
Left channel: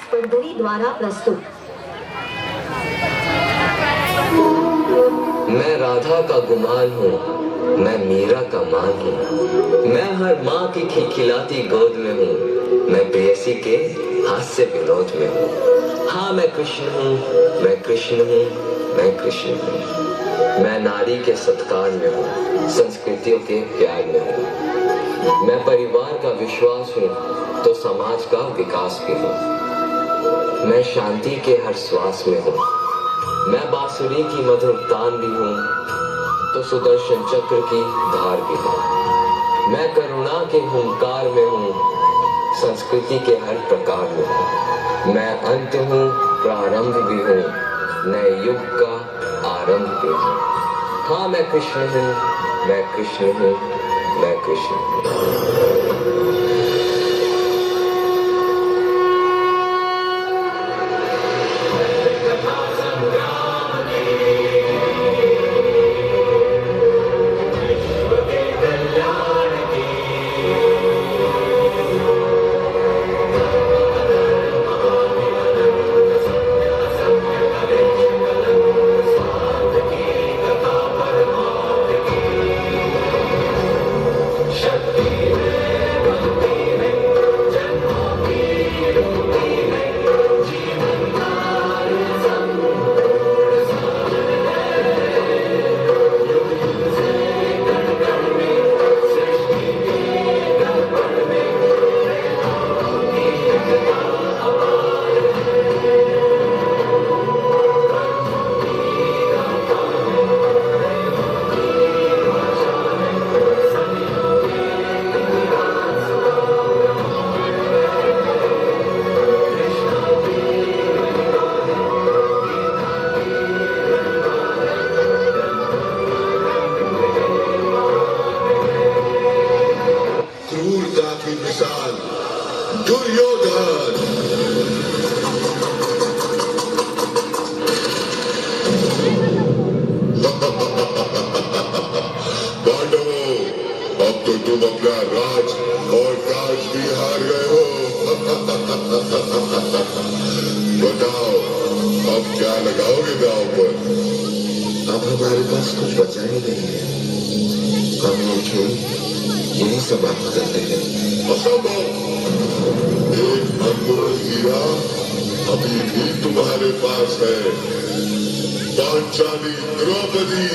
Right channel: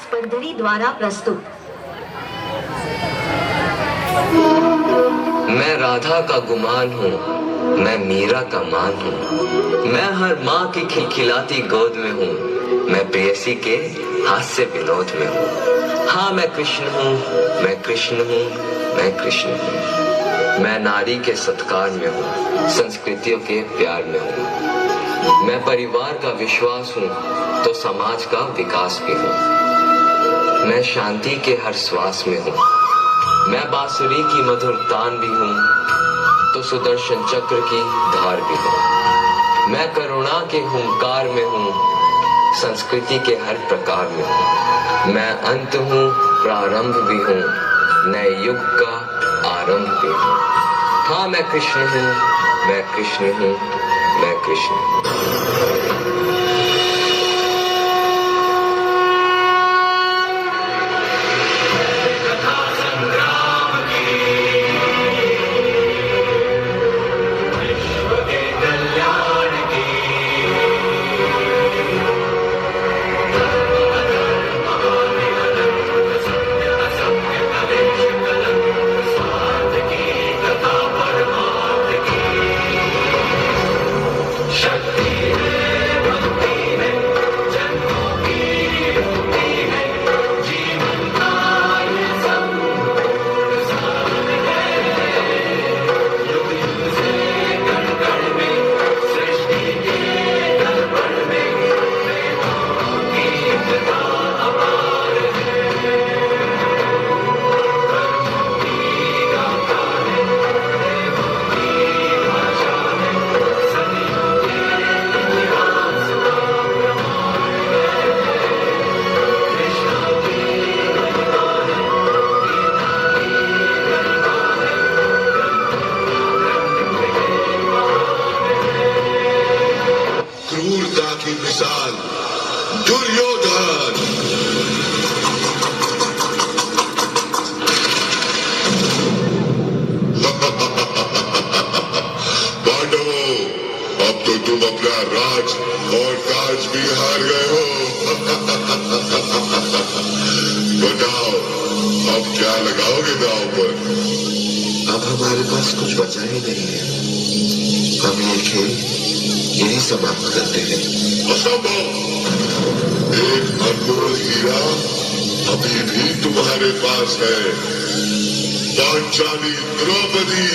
સ્પર્ધરી દ્વારા પ્રસ્તુત मैं राधा का गुमान हूँ, मैं मीरा का मान हूँ, मैं हर माँ की खिलखिलाती गोद में हूँ, मैं प्रेयसी के हास्य विनोद में हूँ। हाँ मैं कृष्ण हूँ, मैं कृष्ण हूँ, मैं कृष्ण हूँ। मैं नारी के सत्कार में हूँ, संस्कृतियों के प्यार में हूँ। मैं परिवार का विश्वास हूँ तो समाज का विकास भी हूँ। मैं शांति के हर श्वास में हूँ, मैं बांसुरी की मधुर तान भी हूँ तो सुदर्शन चक्र की धार भी हूँ। मैं करुणा के हुंकार में हूँ, संस्कृति के हर प्रकार में हूँ। मैं अंत हूँ, प्रारंभ भी हूँ, नए युग का आरंभ भी हूँ। हाँ मैं कृष्ण हूँ, मैं कृष्ण हूँ, मैं कृष्ण हूँ। क्रूरता की मिसाल दुर्योधन। पांडवों, अब तो तुम अपना राज और ताज भी हार गए हो। बताओ अब क्या लगाओगे दांव पर? अब हमारे पास कुछ बचा ही नहीं है। हम ये खेल यही समाप्त करते हैं। असंभव। एक अनमोल हीरा अभी भी तुम्हारे पास है, पांचाली द्रौपदी।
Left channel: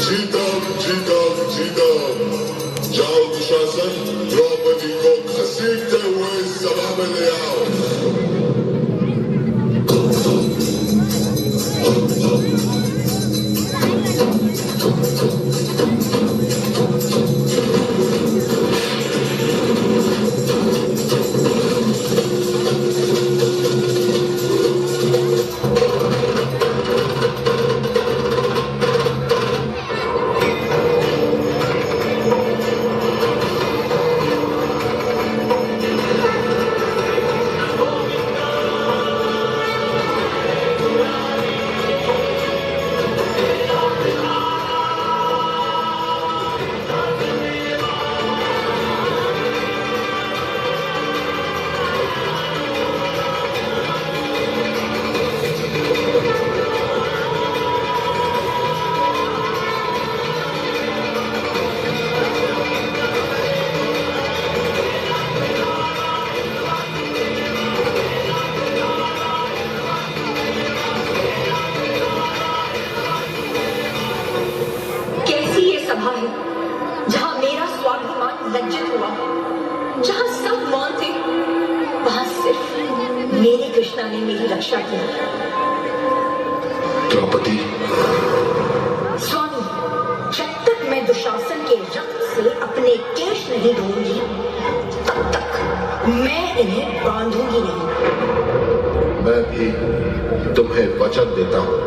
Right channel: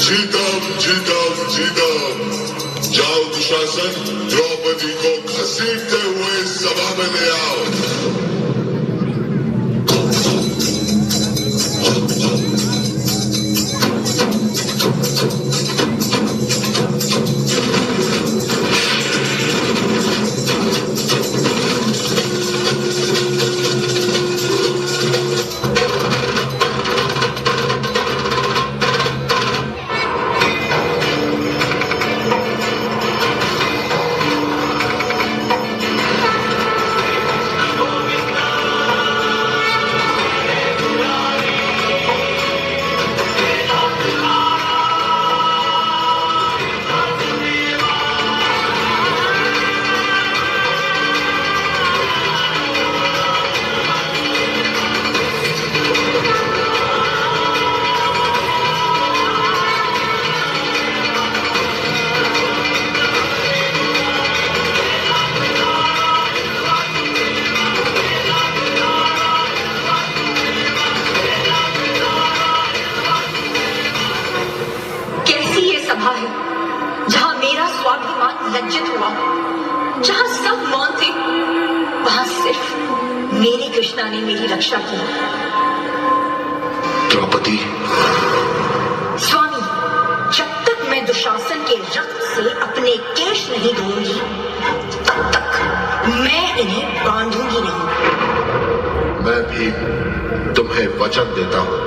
जीतम जीतम जीतम। जाओ दुशासन, द्रौपदी को घसीटते हुए सभा में ले आओ। लज्जित हुआ। जहां सब मौन थे, वहां सिर्फ मेरी कृष्णा ने मेरी रक्षा की। द्रौपदी, स्वामी, जब तक मैं दुशासन के रक्त से अपने केश नहीं धोऊंगी, तब तक मैं इन्हें बांधूंगी नहीं। मैं भी तुम्हें वचन देता हूं।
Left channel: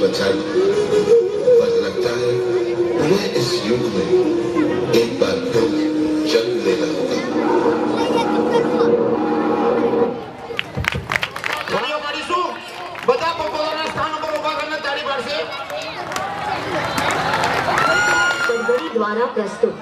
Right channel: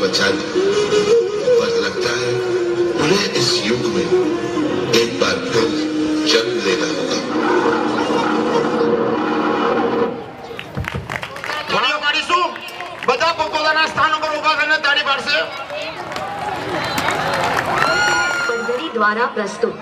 बचा ली, पर लगता है उन्हें इस युग में एक बार फिर जन्म लेना होगा। ઘડીઓ કાઢીશું. બધા પોતપોતાના સ્થાન ઉપર ઊભા થઈને તાળી પાડશે. परवरी द्वारा प्रस्तुत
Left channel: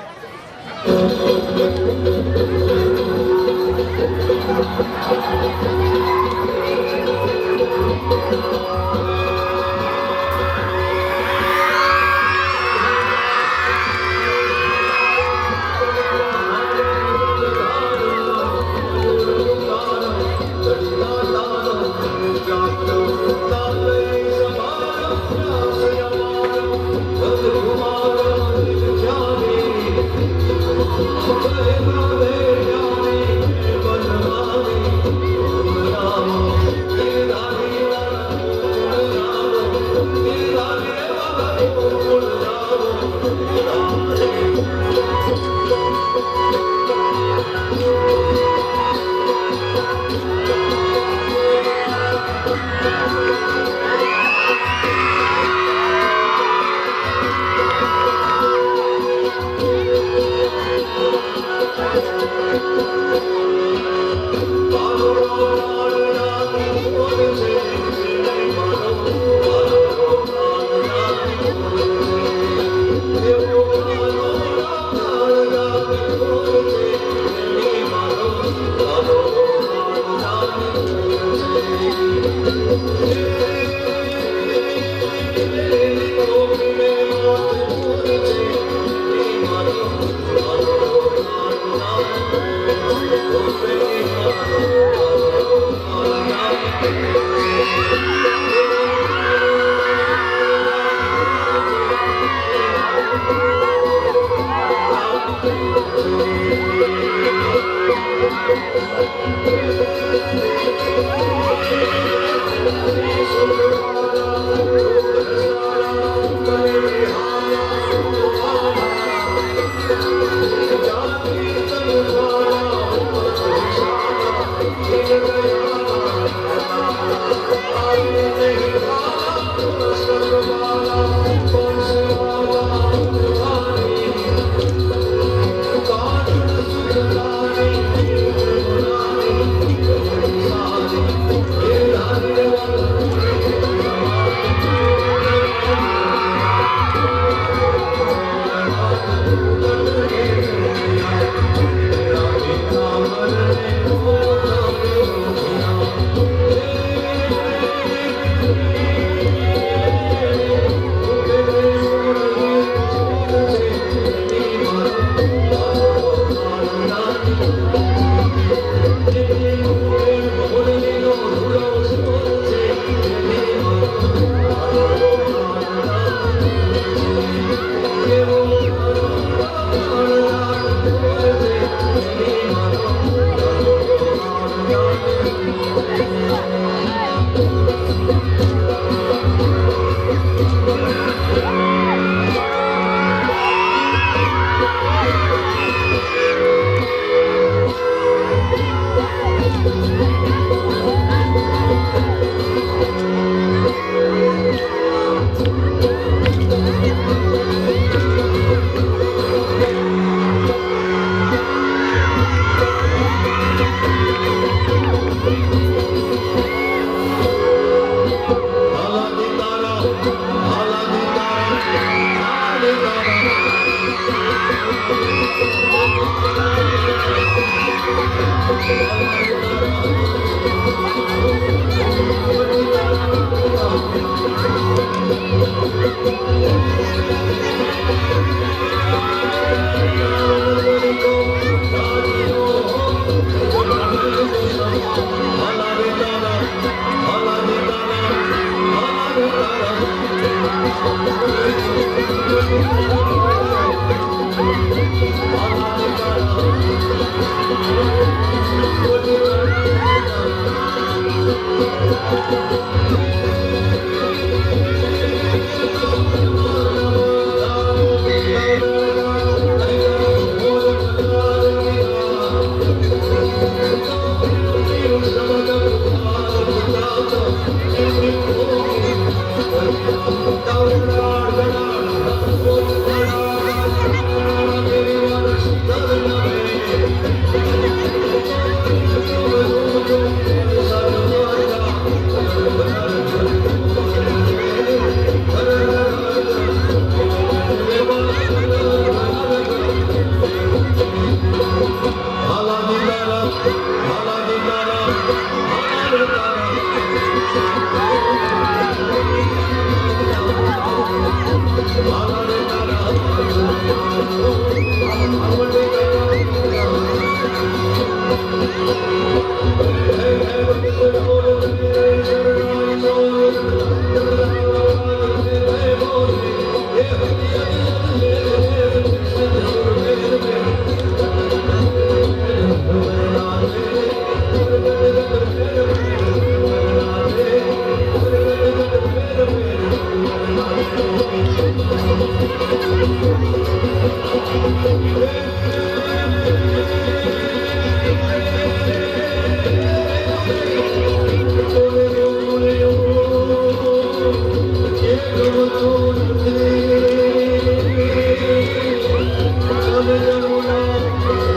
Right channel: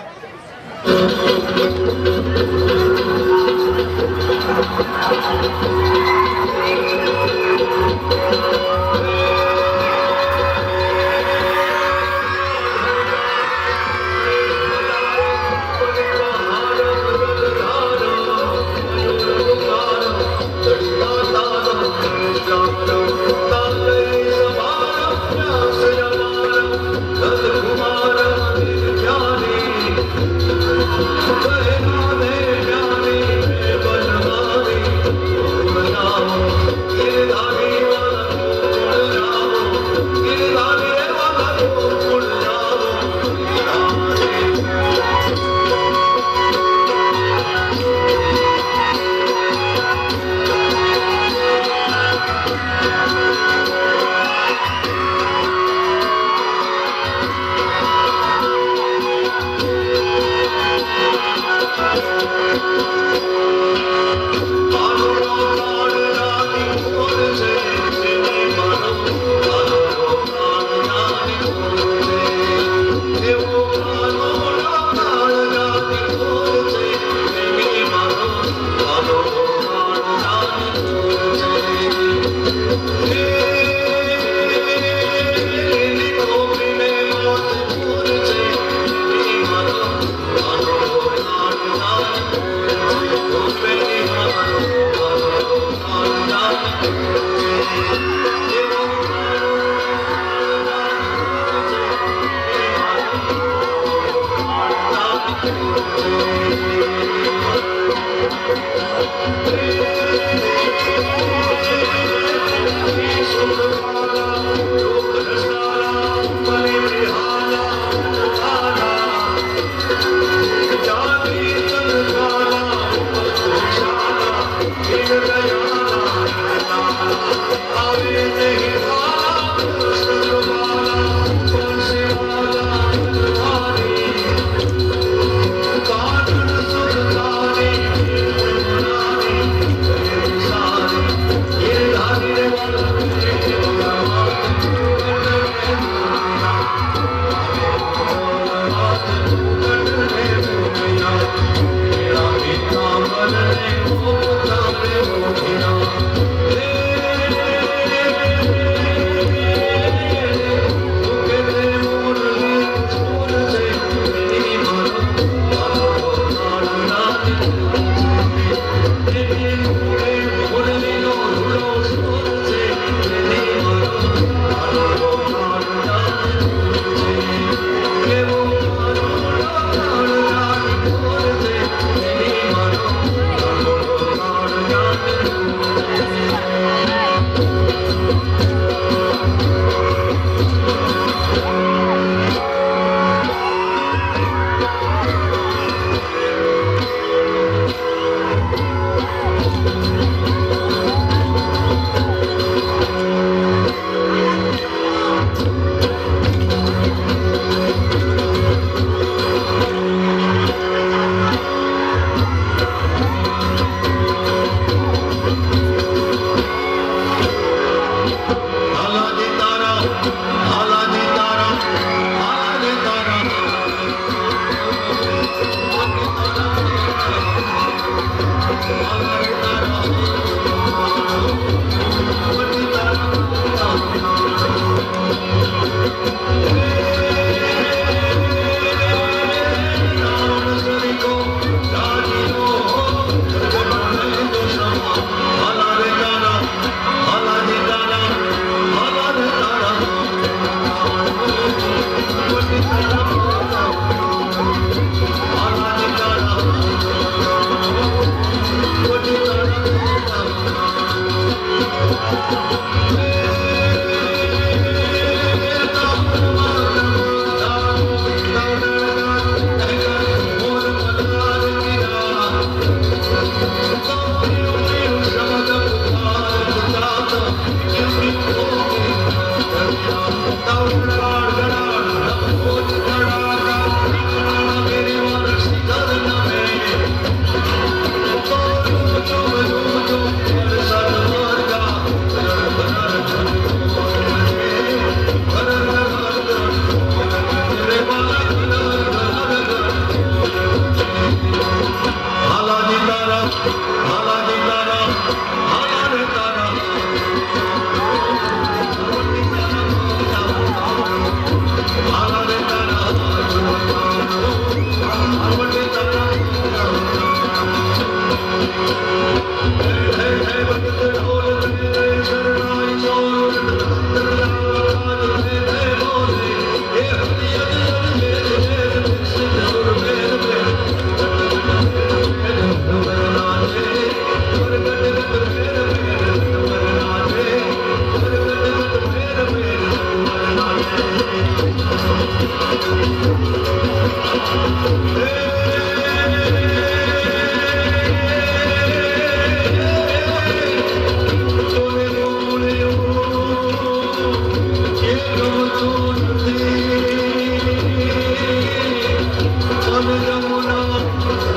बोलो